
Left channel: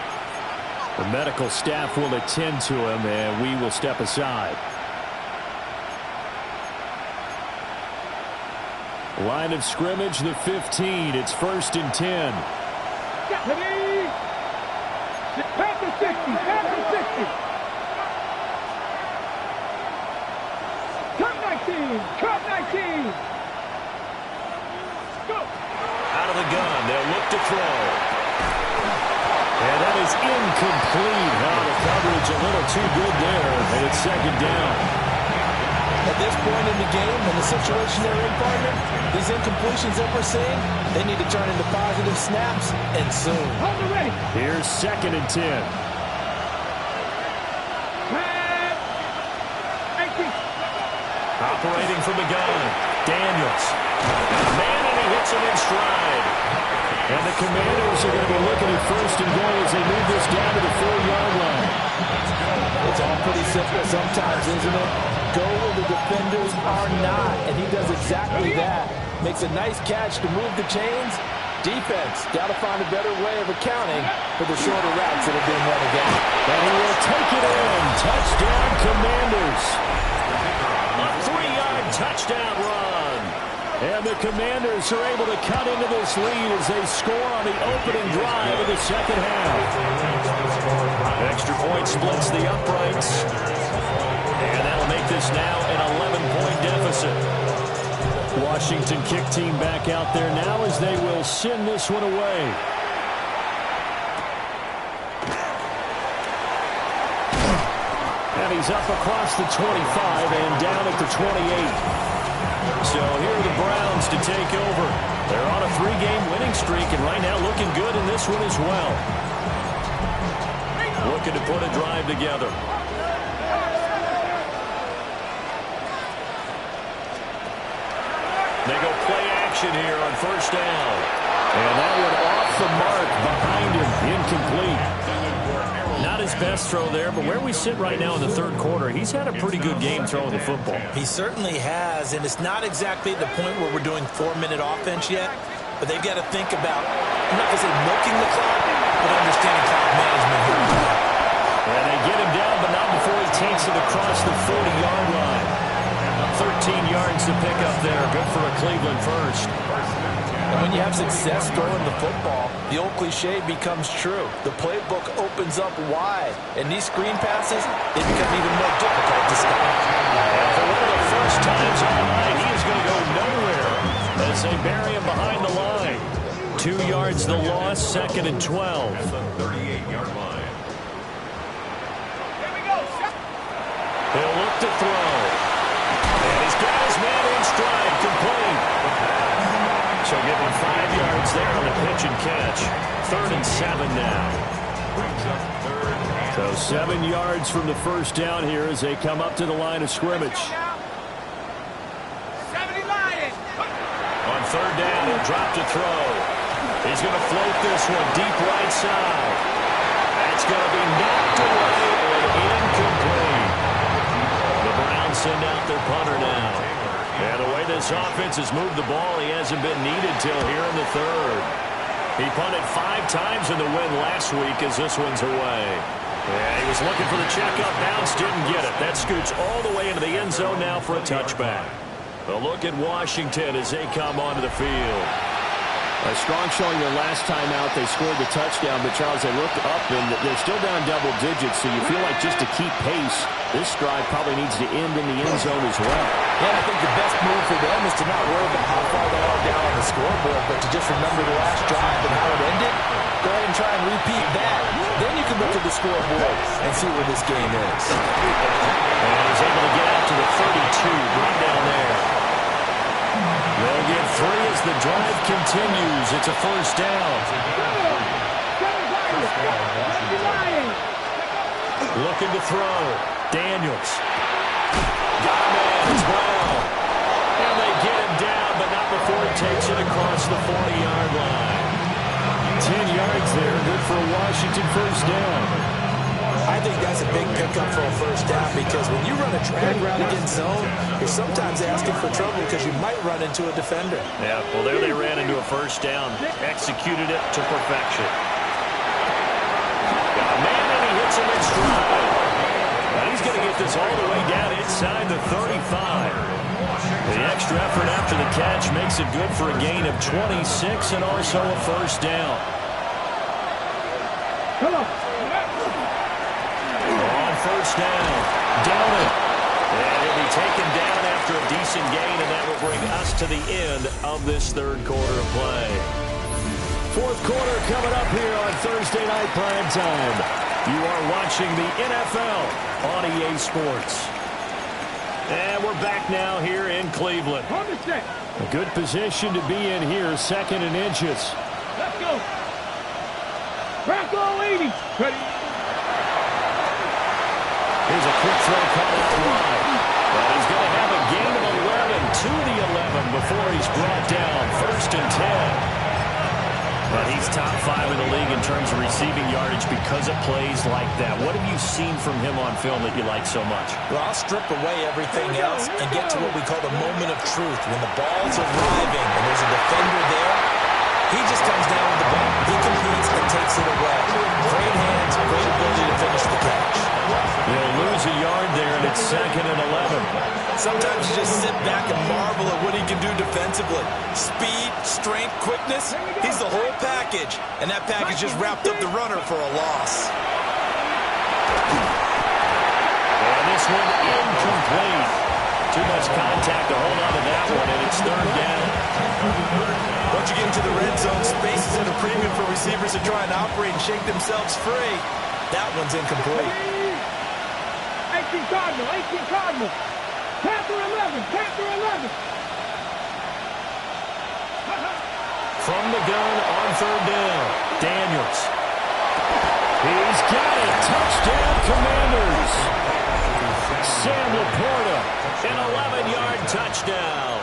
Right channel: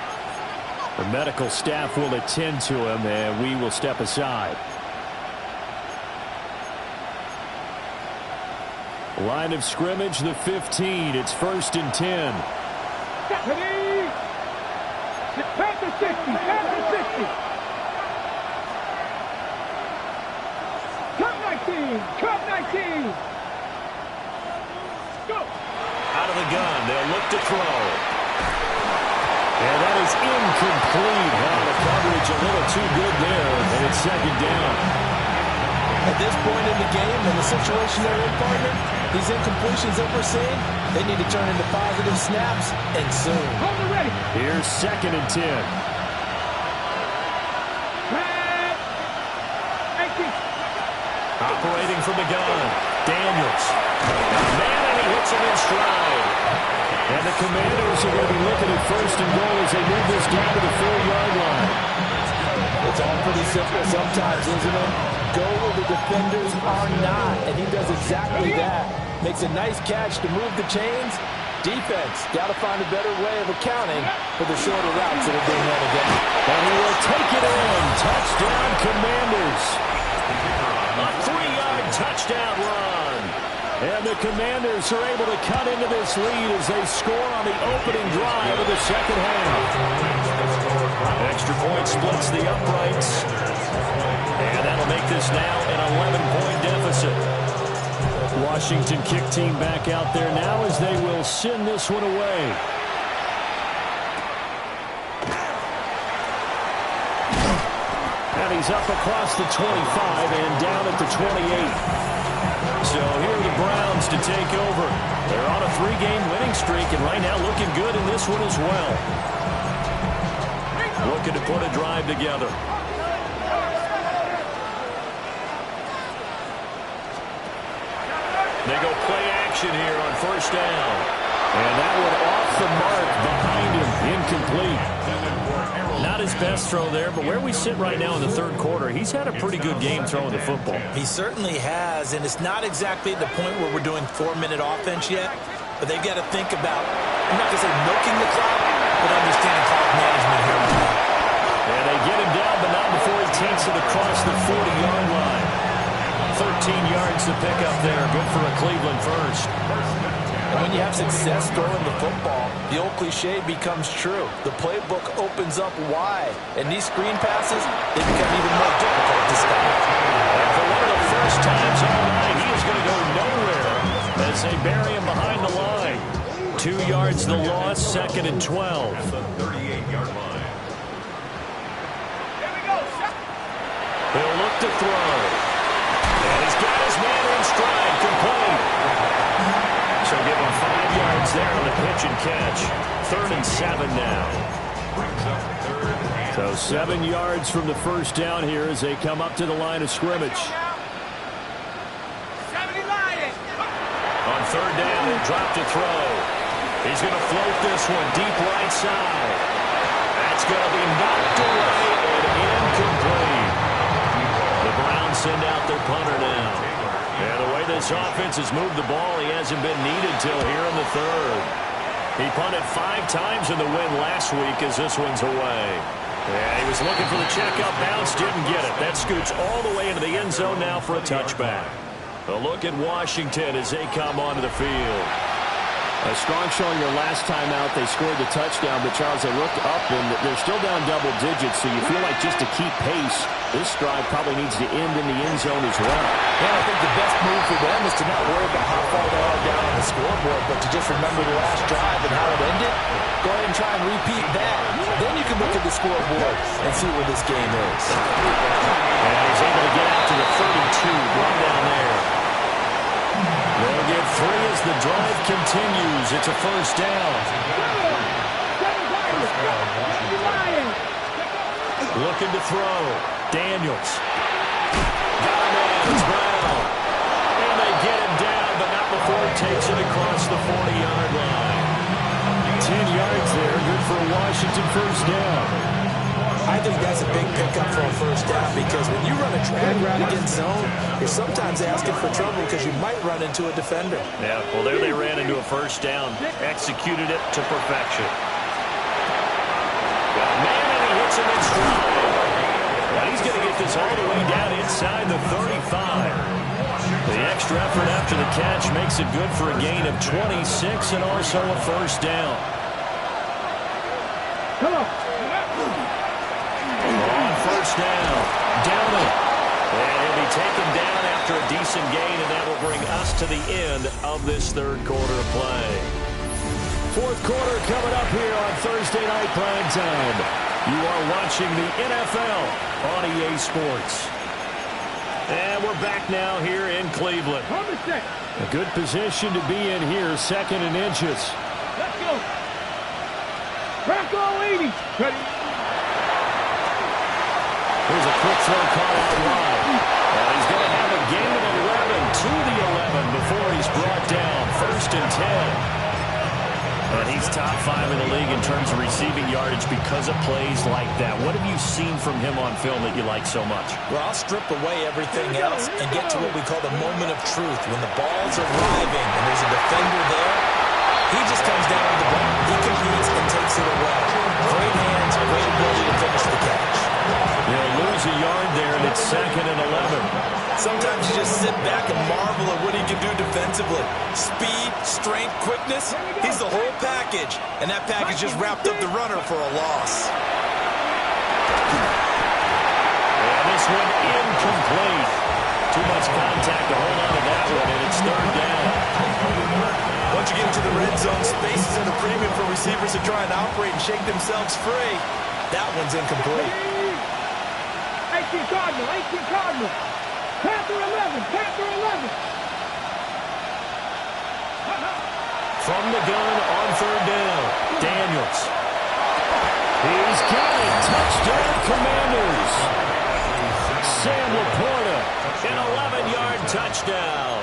The medical staff will attend to him, and we will step aside. Line of scrimmage, the 15. It's 1st and 10. Ready? Panther 60. Panther 60. Cut 19. Cut 19. Go. Out of the gun. They'll look to throw. And that is incomplete. Oh, the coverage a little too good there, and it's 2nd down. At this point in the game and the situation they're in, partner, these incompletions that we're seeing, they need to turn into positive snaps, and soon. Hold it ready. Here's 2nd and 10. Red. 18. Operating from the gun. Daniels. Got a man, and he hits him in stride. And the Commanders are going to be looking at 1st and goal as they move this down to the 4-yard line. It's all pretty simple sometimes, isn't it? Go where the defenders are not, and he does exactly that. Makes a nice catch to move the chains. Defense, got to find a better way of accounting for the shorter routes that are being run again. And he will take it in. Touchdown, Commanders. A 3-yard touchdown run. And the Commanders are able to cut into this lead as they score on the opening drive of the 2nd half. Extra point splits the uprights. And that'll make this now an 11-point deficit. Washington kick team back out there now as they will send this one away. And he's up across the 25 and down at the 28. So here are the Browns to take over. They're on a 3-game winning streak, and right now looking good in this one as well. Looking to put a drive together. They go play action here on 1st down. And that one off the mark behind him, incomplete. Not his best throw there, but where we sit right now in the 3rd quarter, he's had a pretty good game throwing the football. He certainly has, and it's not exactly at the point where we're doing 4-minute offense yet, but they've got to think about, I'm not going to say milking the clock, but understanding clock management here. And they get him down, but not before he takes it across the 40-yard line. 13 yards to pick up there. Good for a Cleveland first. And when you have success throwing the football, the old cliche becomes true. The playbook opens up wide, and these screen passes, they become even more difficult to stop. And for one of the first times all night, he is going to go nowhere as they bury him behind the line. 2 yards the loss, 2nd and 12. At the 38-yard line. He'll look to throw. And he's got his man in stride, complete. So give him 5 yards there on the pitch and catch. 3rd and 7 now. Brings up 3rd and So 7 yards from the first down here as they come up to the line of scrimmage. On 3rd down, he'll drop to throw. He's going to float this one deep right side. That's going to be knocked away and incomplete. The Browns send out their punter now. And the way this offense has moved the ball, he hasn't been needed till here in the 3rd. He punted 5 times in the win last week as this one's away. Yeah, he was looking for the checkup bounce, didn't get it. That scoots all the way into the end zone now for a touchback. A look at Washington as they come onto the field. A strong showing their last time out. They scored the touchdown, but, Charles, they looked up, and they're still down double digits, so you feel like just to keep pace, this drive probably needs to end in the end zone as well. Yeah, and I think the best move for them is to not worry about how far they are down on the scoreboard, but to just remember the last drive and how it ended. Go ahead and try and repeat that. Then you can look at the scoreboard and see where this game is. And he's able to get out to the 32, run down there. They'll get 3 as the drive continues. It's a first down. Looking to throw. Daniels. Got a man. It's Brown. And they get him down, but not before he takes it across the 40-yard line. 10 yards there. Good for a Washington first down. I think that's a big pickup for a first down because when you run a drag route against zone, you're sometimes asking for trouble because you might run into a defender. Yeah, well, there they ran into a first down. Executed it to perfection. Got a man, and he hits him in stride. Now he's going to get this all the way down inside the 35. The extra effort after the catch makes it good for a gain of 26 and also a first down. Come on. On first down, down it. And he'll be taken down after a decent gain, and that will bring us to the end of this 3rd quarter of play. 4th quarter coming up here on Thursday Night Prime Time. You are watching the NFL on EA Sports. And we're back now here in Cleveland. A good position to be in here, 2nd and inches. Let's go. Bronco 80. Ready. Here's a quick throw caught out wide. And he's going to have a gain of 11 to the 11 before he's brought down. 1st and 10. And he's top 5 in the league in terms of receiving yardage because of plays like that. What have you seen from him on film that you like so much? Well, I'll strip away everything else and get to what we call the moment of truth. When the ball's arriving and there's a defender there, he just comes down with the ball. He competes and takes it away. Great hands, great ability to finish the catch. They'll lose a yard there, and it's 2nd and 11. Sometimes you just sit back and marvel at what he can do defensively. Speed, strength, quickness, he's the whole package. And that package just wrapped up the runner for a loss. And this one incomplete. Too much contact to hold on to that one, and it's 3rd down. Once you get into the red zone, space is at a premium for receivers to try and operate and shake themselves free. That one's incomplete. 18 Cardinal, 18 Cardinal. Panther 11, Panther 11. From the gun on 3rd down, Daniels. He's got it. Touchdown, Commanders. Sam Laporta, an 11-yard touchdown.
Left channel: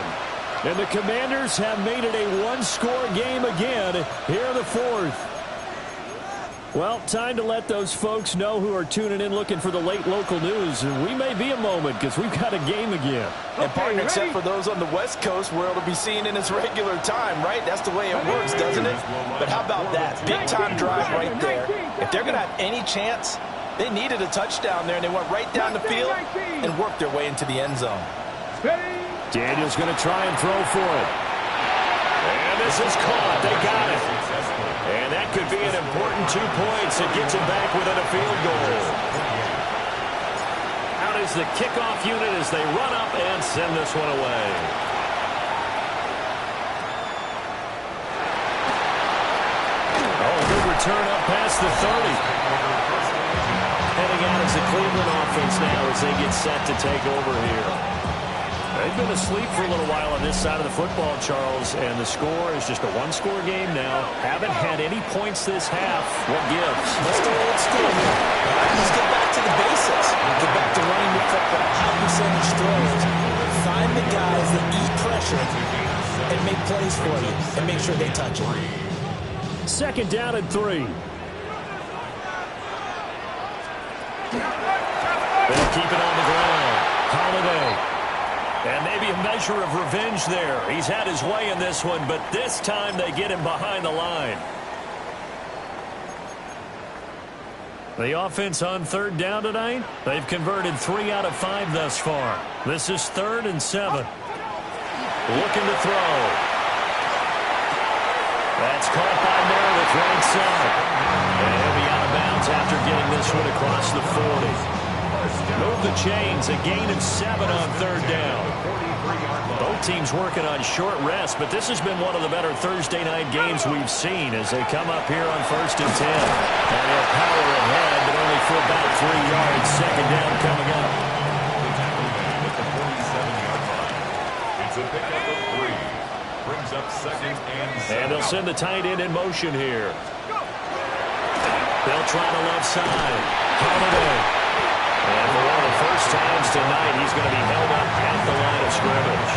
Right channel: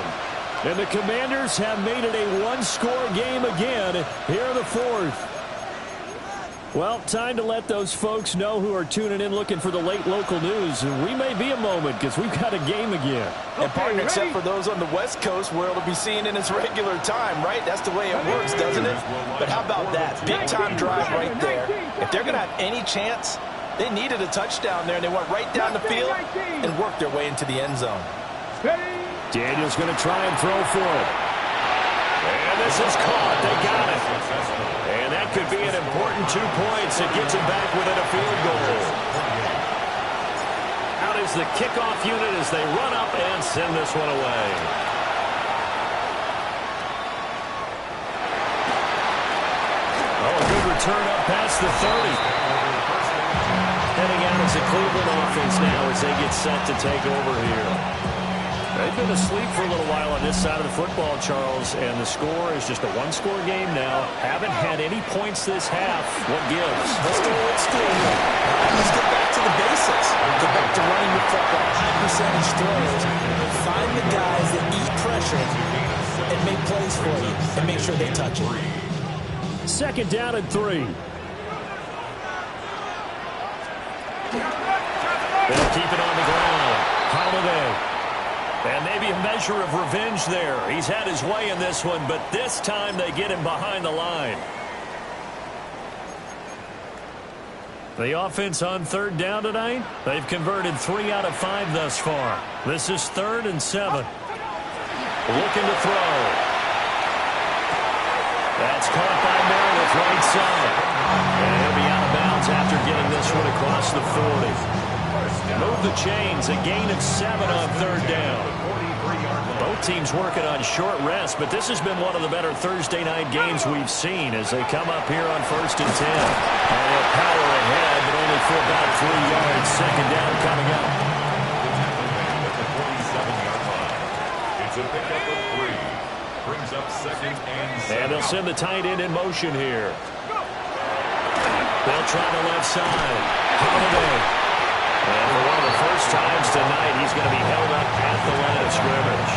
And the Commanders have made it a 1-score game again here in the 4th. Well, time to let those folks know who are tuning in looking for the late local news. We may be a moment because we've got a game again. And partner, except for those on the West Coast where it'll be seen in its regular time, right? That's the way it works, doesn't it? But how about that? Big-time drive right there. If they're going to have any chance, they needed a touchdown there, and they went right down the field and worked their way into the end zone. Daniel's going to try and throw for it. And this is caught. They got it. And that could be an important 2 points. It gets them back within a field goal. Out is the kickoff unit as they run up and send this one away. Oh, a good return up past the 30. Heading out as the Cleveland offense now as they get set to take over here. They've been asleep for a little while on this side of the football, Charles, and the score is just a one-score game now. Haven't had any points this half. What gives? Let's go old school here. All right, let's get back to the basics. Get back to running the football, high percentage throws. Find the guys that eat pressure and make plays for you and make sure they touch it. 2nd down and 3. They'll keep it on the ground. Holiday. And maybe a measure of revenge there. He's had his way in this one, but this time they get him behind the line. The offense on 3rd down tonight, they've converted 3 out of 5 thus far. This is 3rd and 7. Looking to throw. That's caught by Meredith right side. And he'll be out of bounds after getting this one across the 40. Move the chains, a gain of 7 on 3rd down. Both teams working on short rest, but this has been one of the better Thursday night games we've seen as they come up here on 1st and 10. And he'll power ahead, but only for about 3 yards. 2nd down coming up. The tackle made at the 47-yard line. It's a pickup of 3. Brings up 2nd and 7. And they'll send the tight end in motion here. They'll try the left side. Holiday. And for one of the first times tonight, he's going to be held up at the line of scrimmage.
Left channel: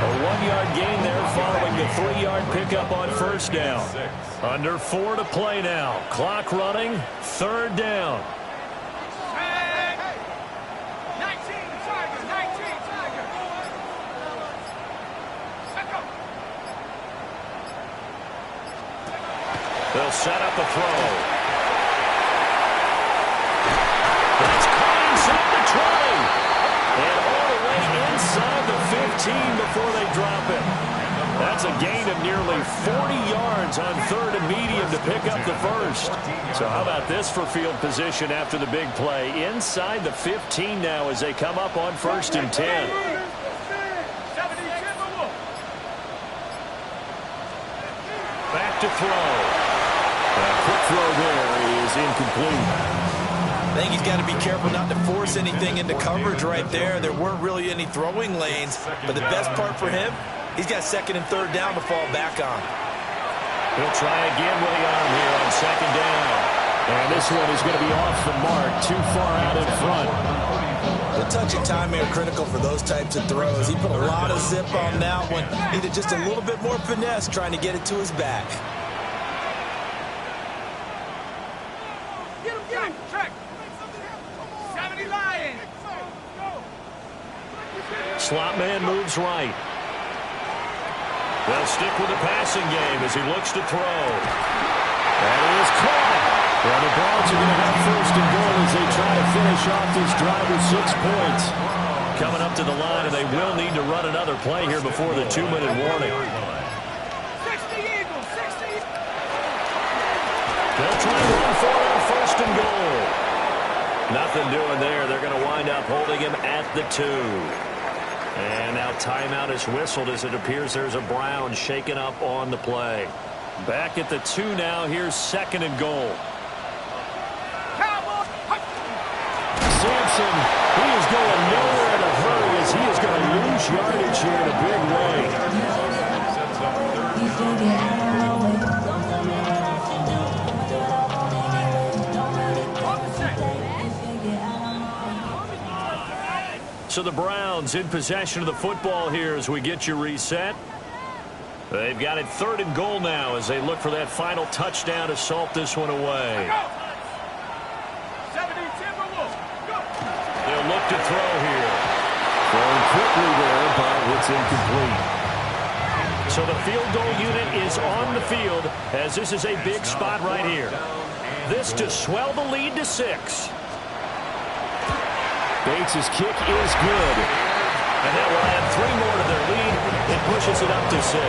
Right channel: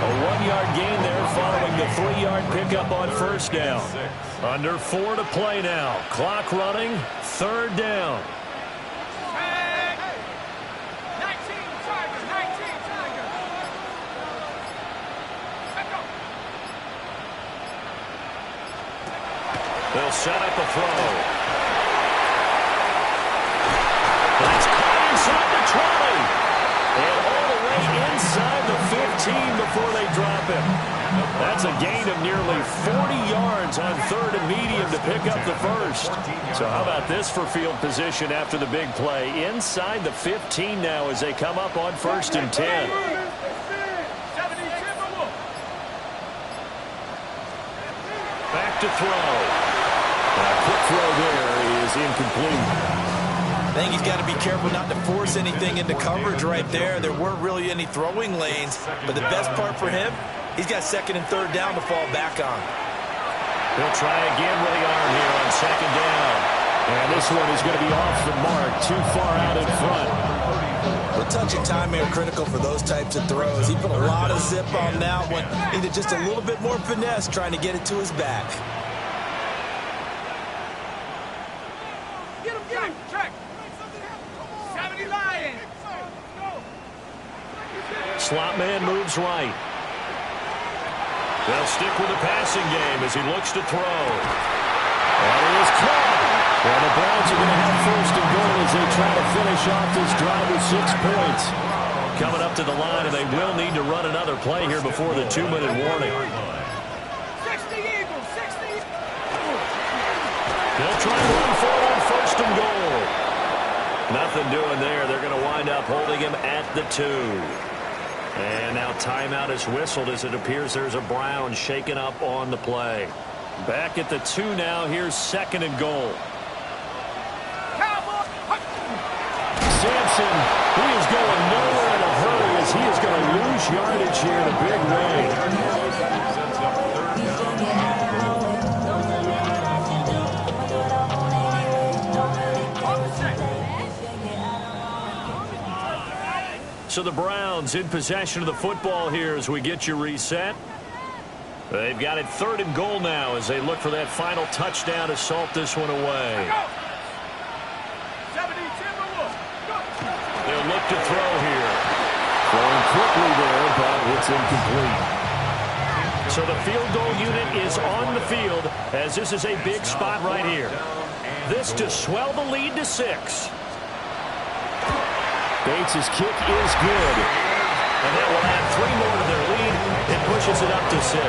A 1-yard gain there following the 3-yard pickup on 1st down. Under 4 to play now. Clock running. 3rd down. 19 Tiger. They'll set up a throw. That's caught inside the 20. And all the way inside the 15 before they drop him. That's a gain of nearly 40 yards on 3rd and medium to pick up the first. So how about this for field position after the big play? Inside the 15 now as they come up on 1st and 10. Back to throw. A quick throw there is incomplete. I think he's got to be careful not to force anything into coverage right there. There weren't really any throwing lanes, but the best part for him, he's got 2nd and 3rd down to fall back on. He'll try again with the arm here on 2nd down. And this one is going to be off the mark, too far out in front. The touch and time are critical for those types of throws. He put a lot of zip on that one. Needed just a little bit more finesse trying to get it to his back. Get him, check. 70 Lions. Slot man moves right. They'll stick with the passing game as he looks to throw. That is caught. Well, the Browns are going to have 1st and goal as they try to finish off this drive with 6 points. Coming up to the line, and they will need to run another play here before the 2-minute warning. 60 Eagles, 60. They'll try and run for it on 1st and goal. Nothing doing there. They're going to wind up holding him at the 2. And now timeout is whistled as it appears there's a Brown shaken up on the play. Back at the 2 now. Here's 2nd and goal. Sampson, he is going nowhere in a hurry as he is going to lose yardage here in a big way. Sets up 3rd down. So the Browns in possession of the football here as we get you reset. They've got it 3rd and goal now as they look for that final touchdown to salt this one away. They'll look to throw here. Throwing quickly there, but it's incomplete. So the field goal unit is on the field as this is a big spot right here. This to swell the lead to 6. Bates' kick is good. And that will add 3 more to their lead. It pushes it up to 6.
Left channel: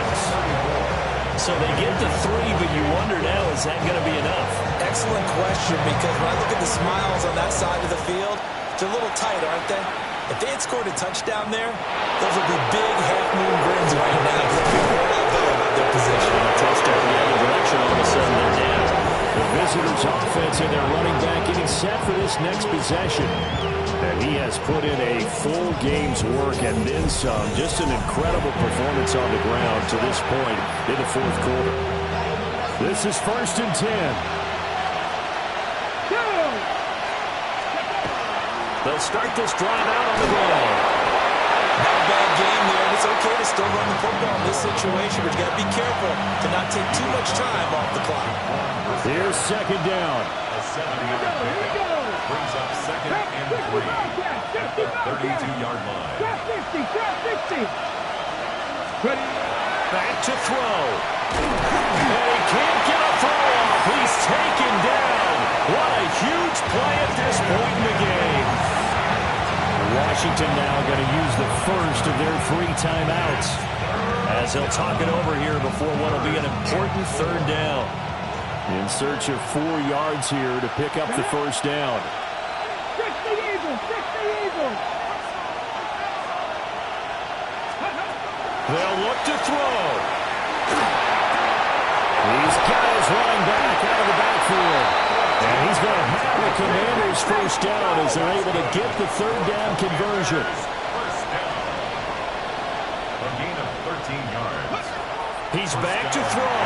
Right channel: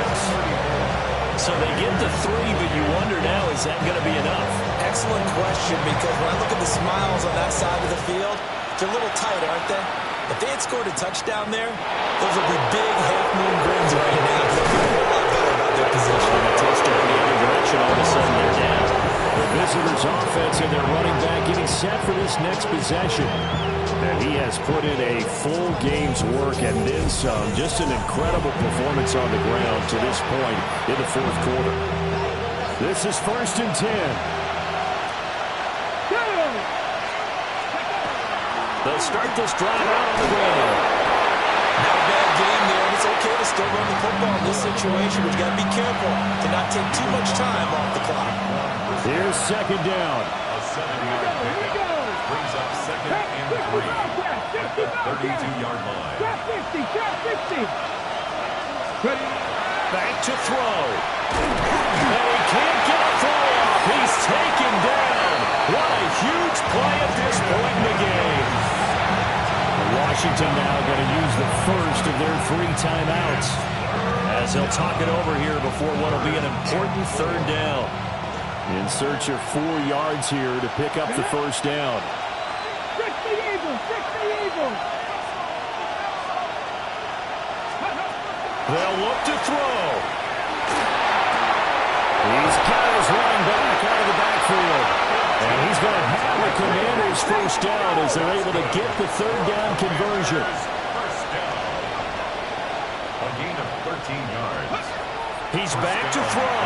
So they get to 3, but you wonder now, is that going to be enough? Excellent question, because when I look at the smiles on that side of the field, they're a little tight, aren't they? If they had scored a touchdown there, those would be big half-moon grins right now. They'll feel a whole lot better about their position. And a touchdown the other direction, all of a sudden they're down. The visitors' offense and their running back getting set for this next possession. And he has put in a full game's work and then some. Just an incredible performance on the ground to this point in the fourth quarter. This is 1st and 10. They'll start this drive out on the ground. Not a bad game there, and it's okay to still run the football in this situation, but you got to be careful to not take too much time off the clock. Here's 2nd down. A 7-yard pickup brings up 2nd and 3 at the 32-yard line. Back to throw. And he can't get a throw off. He's taken down. What a huge play at this point in the game. Washington now going to use the first of their 3 timeouts as they'll talk it over here before what will be an important 3rd down. In search of 4 yards here to pick up the 1st down. 60 Eagles! They'll look to throw. He's got his running back out of the backfield. And he's going to have the Commanders' 1st down as they're able to get the 3rd down conversion. 1st down. A gain of 13 yards. He's back to throw.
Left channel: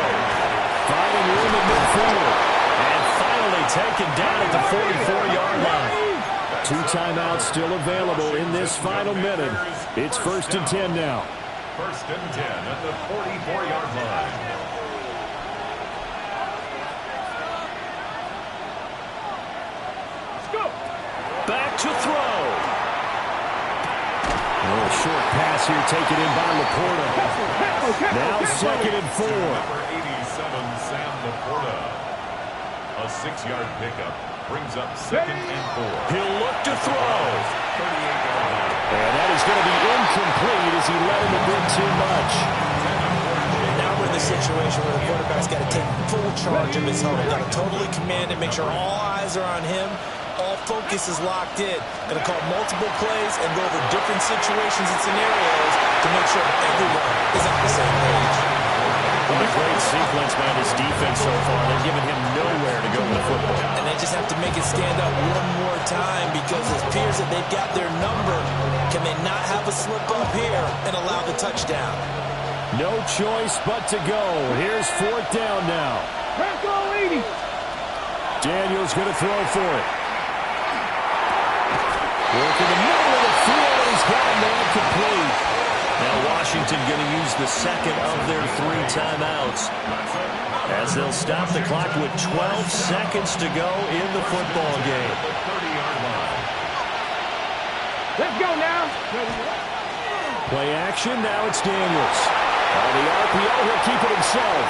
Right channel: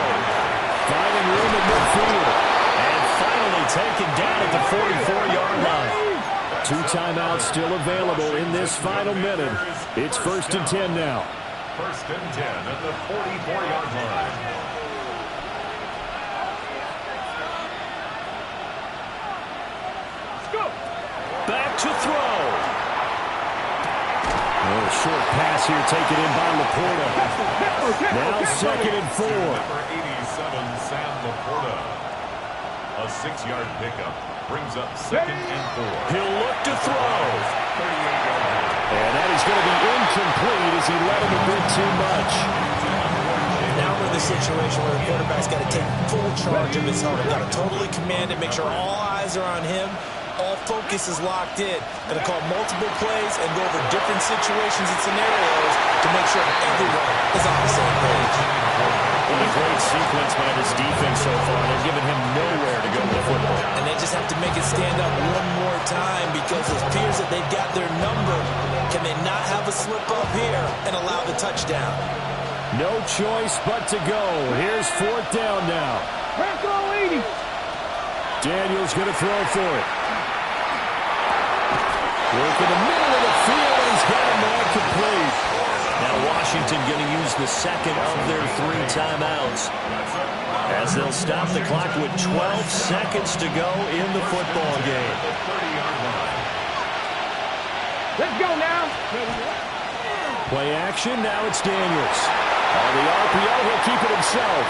Finding room at midfield. And finally taken down at the 44-yard line. 2 timeouts still available in this final minute. It's 1st and 10 now. 1st and 10 at the 44-yard line. Back to throw. Oh, short pass here taken in by Laporta. Now 2nd and 4. Number 87, Sam Laporta. A 6-yard pickup brings up 2nd and 4. He'll look to throw. 38-yard line. And that is going to be incomplete as he let him a bit too much. Now we're in the situation where the quarterback's got to take full charge of his helmet. Got to totally command it, make sure all eyes are on him. All focus is locked in. Going to call multiple plays and go over different situations and scenarios to make sure everyone is on the same page. What a great sequence by this defense so far. They've given him nowhere to go with the football. And they just have to make it stand up one more time because it appears that they've got their number. Can they not have a slip up here and allow the touchdown? No choice but to go. Here's 4th down now. Bronco 80. Daniels going to throw for it. Work in the middle of the field, and he's got a man complete. Now Washington going to use the 2nd of their 3 timeouts as they'll stop the clock with 12 seconds to go in the football game. The 30-yard line. Let's go now. Play action, now it's Daniels. On the RPO, he'll keep it himself.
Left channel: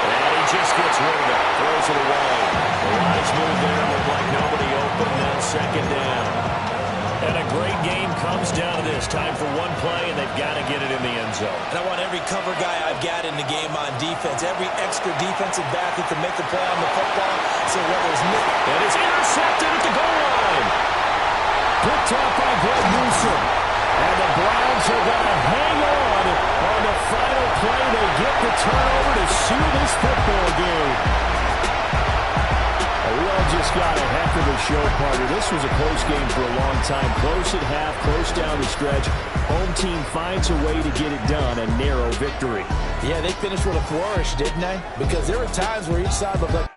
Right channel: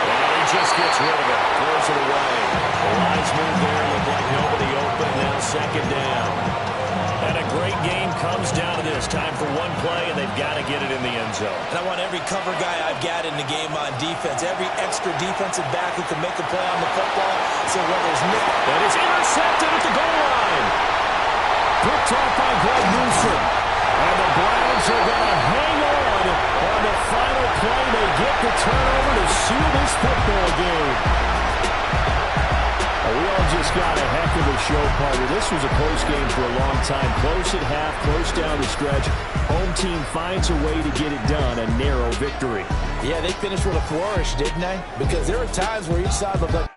And he just gets rid of it, throws it away. The lines move there, look like nobody open, now 2nd down. And a great game comes down to this. Time for one play, and they've got to get it in the end zone. And I want every cover guy I've got in the game on defense, every extra defensive back who can make a play on the football. So whether it's Nick... And it's intercepted at the goal line. Picked off by Greg Newsome. And the Browns are going to hang on the final play. They get the turnover to seal this football game. We all just got a heck of a show, partner. This was a close game for a long time. Close at half, close down the stretch. Home team finds a way to get it done, a narrow victory. Yeah, they finished with a flourish, didn't they? Because there were times where each side looked like...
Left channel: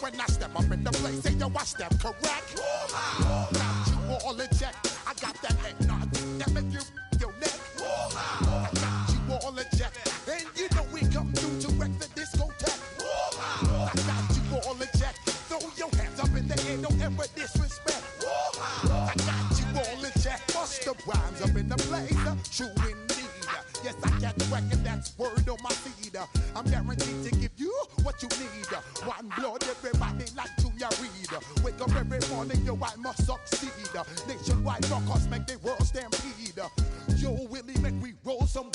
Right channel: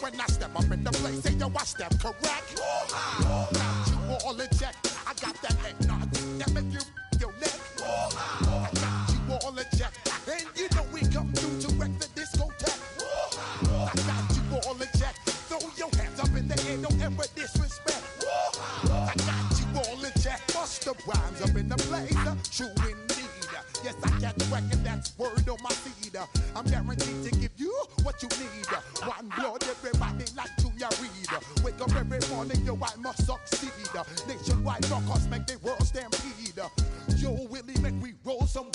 When I step up in the place, say yo, I step correct. Got you all in check. I got that head nod that make you your neck. I got you all in check, and you know we come through to wreck the discotheque. I got you all in check. Throw your hands up in the air, don't ever disrespect. I got you all in check. Bust the rhymes up in the place, true indeed. Yes, I get wreck, and that's word on my feed. I'm guaranteed to give you what you need. One blood, everybody like Junior Reed. Wake up every morning, yo, I must succeed. Nationwide rockers make the world stampede. Yo, Willie, make we roll some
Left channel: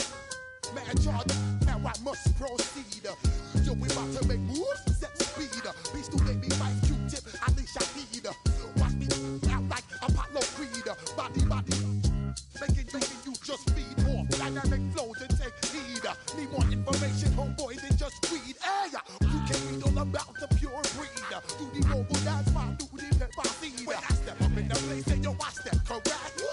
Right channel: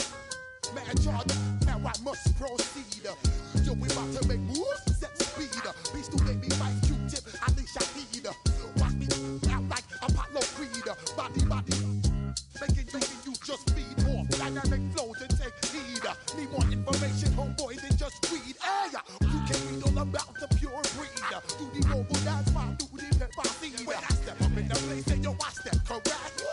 mad charge. Now I must proceed. Yo, we about to make moves, set speed. Beast to make me fight Q-tip, Ali Shaheed. Watch me out like Apollo Creed. Body, making you just feed off dynamic flows and take heed. Need more information, homeboy, than just read. Hey, you can read all about the pure breed. Do the noble dance, my do the pepper seed. When I step up in the place, say yo, I step correct.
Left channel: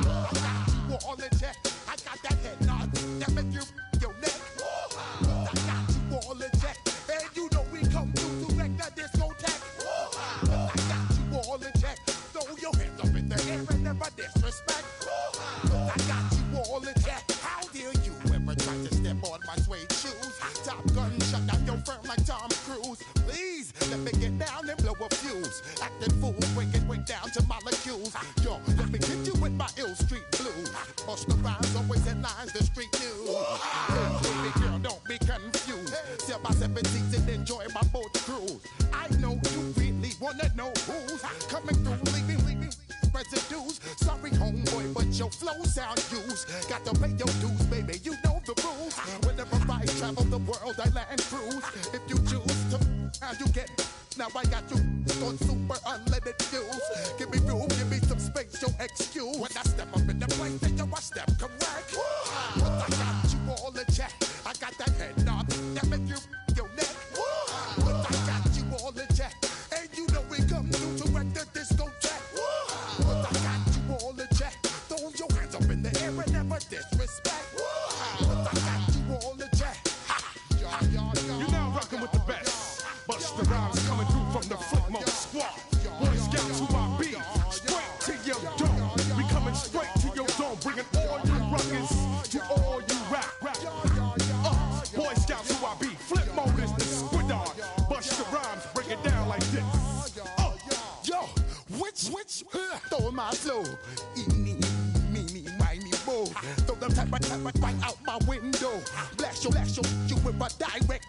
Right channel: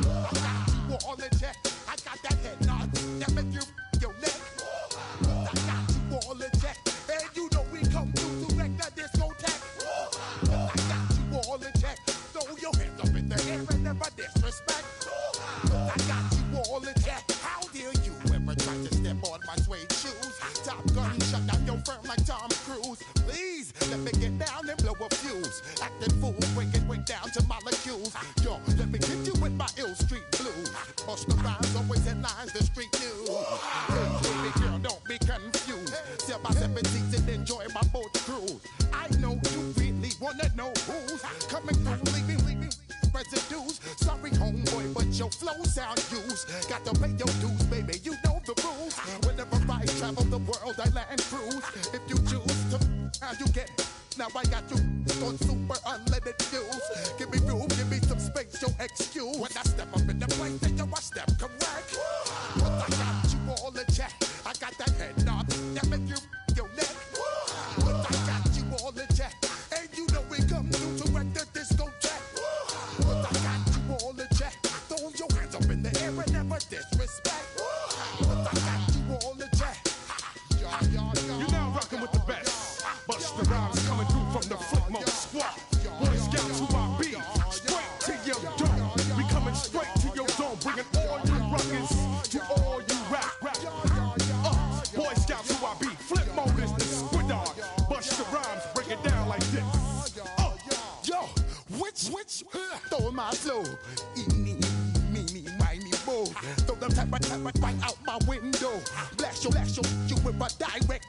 I got you all in check. I got that head nod that make you your neck. I got you all in check, and you know we come through to wreck the discotheque. I got you all in check. Throw your hands up in the air and never disrespect. I got you all in check. How dare you ever try to step on my suede shoes? Top Gun shut down your firm like Tom Cruise. Please let me get down and blow a fuse. Acting fool, breaking way down to molecules. Yo, let me get you with my ill street blues. Bust the rhymes, always headlines, the street news. Hey, baby girl, don't be confused. Sail by 7 seats and enjoy my boat cruise. I know you really wanna know who's coming through, leaving residues. Sorry, homeboy, but your flow sound used. Got to pay your dues, baby, you know the rules. Whenever I travel the world, I land cruise. If you choose to, how you get. Now I got you on super unleaded fuels. Give me room, give me some space, your excuse. When I step up in the place, then I step correct. But I got you all in check. I got that head nod that make you your neck. But I got you all in check, and you know we come through to wreck the discotheque. But I got you all in check. Throw your hands up in the air and never disrespect. But I got you all in check. You're now rocking with the best. Bust the rhymes coming through from the Flip Mode Squad. Boy Scouts who I be. Straight to your dome. We coming straight to your dome. Bringing all you rockers to all you rap. Boy Scouts who I be. Flip Mode is the squid dog. Bust the rhymes, break it down like this. Yo, which, throw my flow. Me, whiny bow. Throw them type right out my window. Blast you with a direct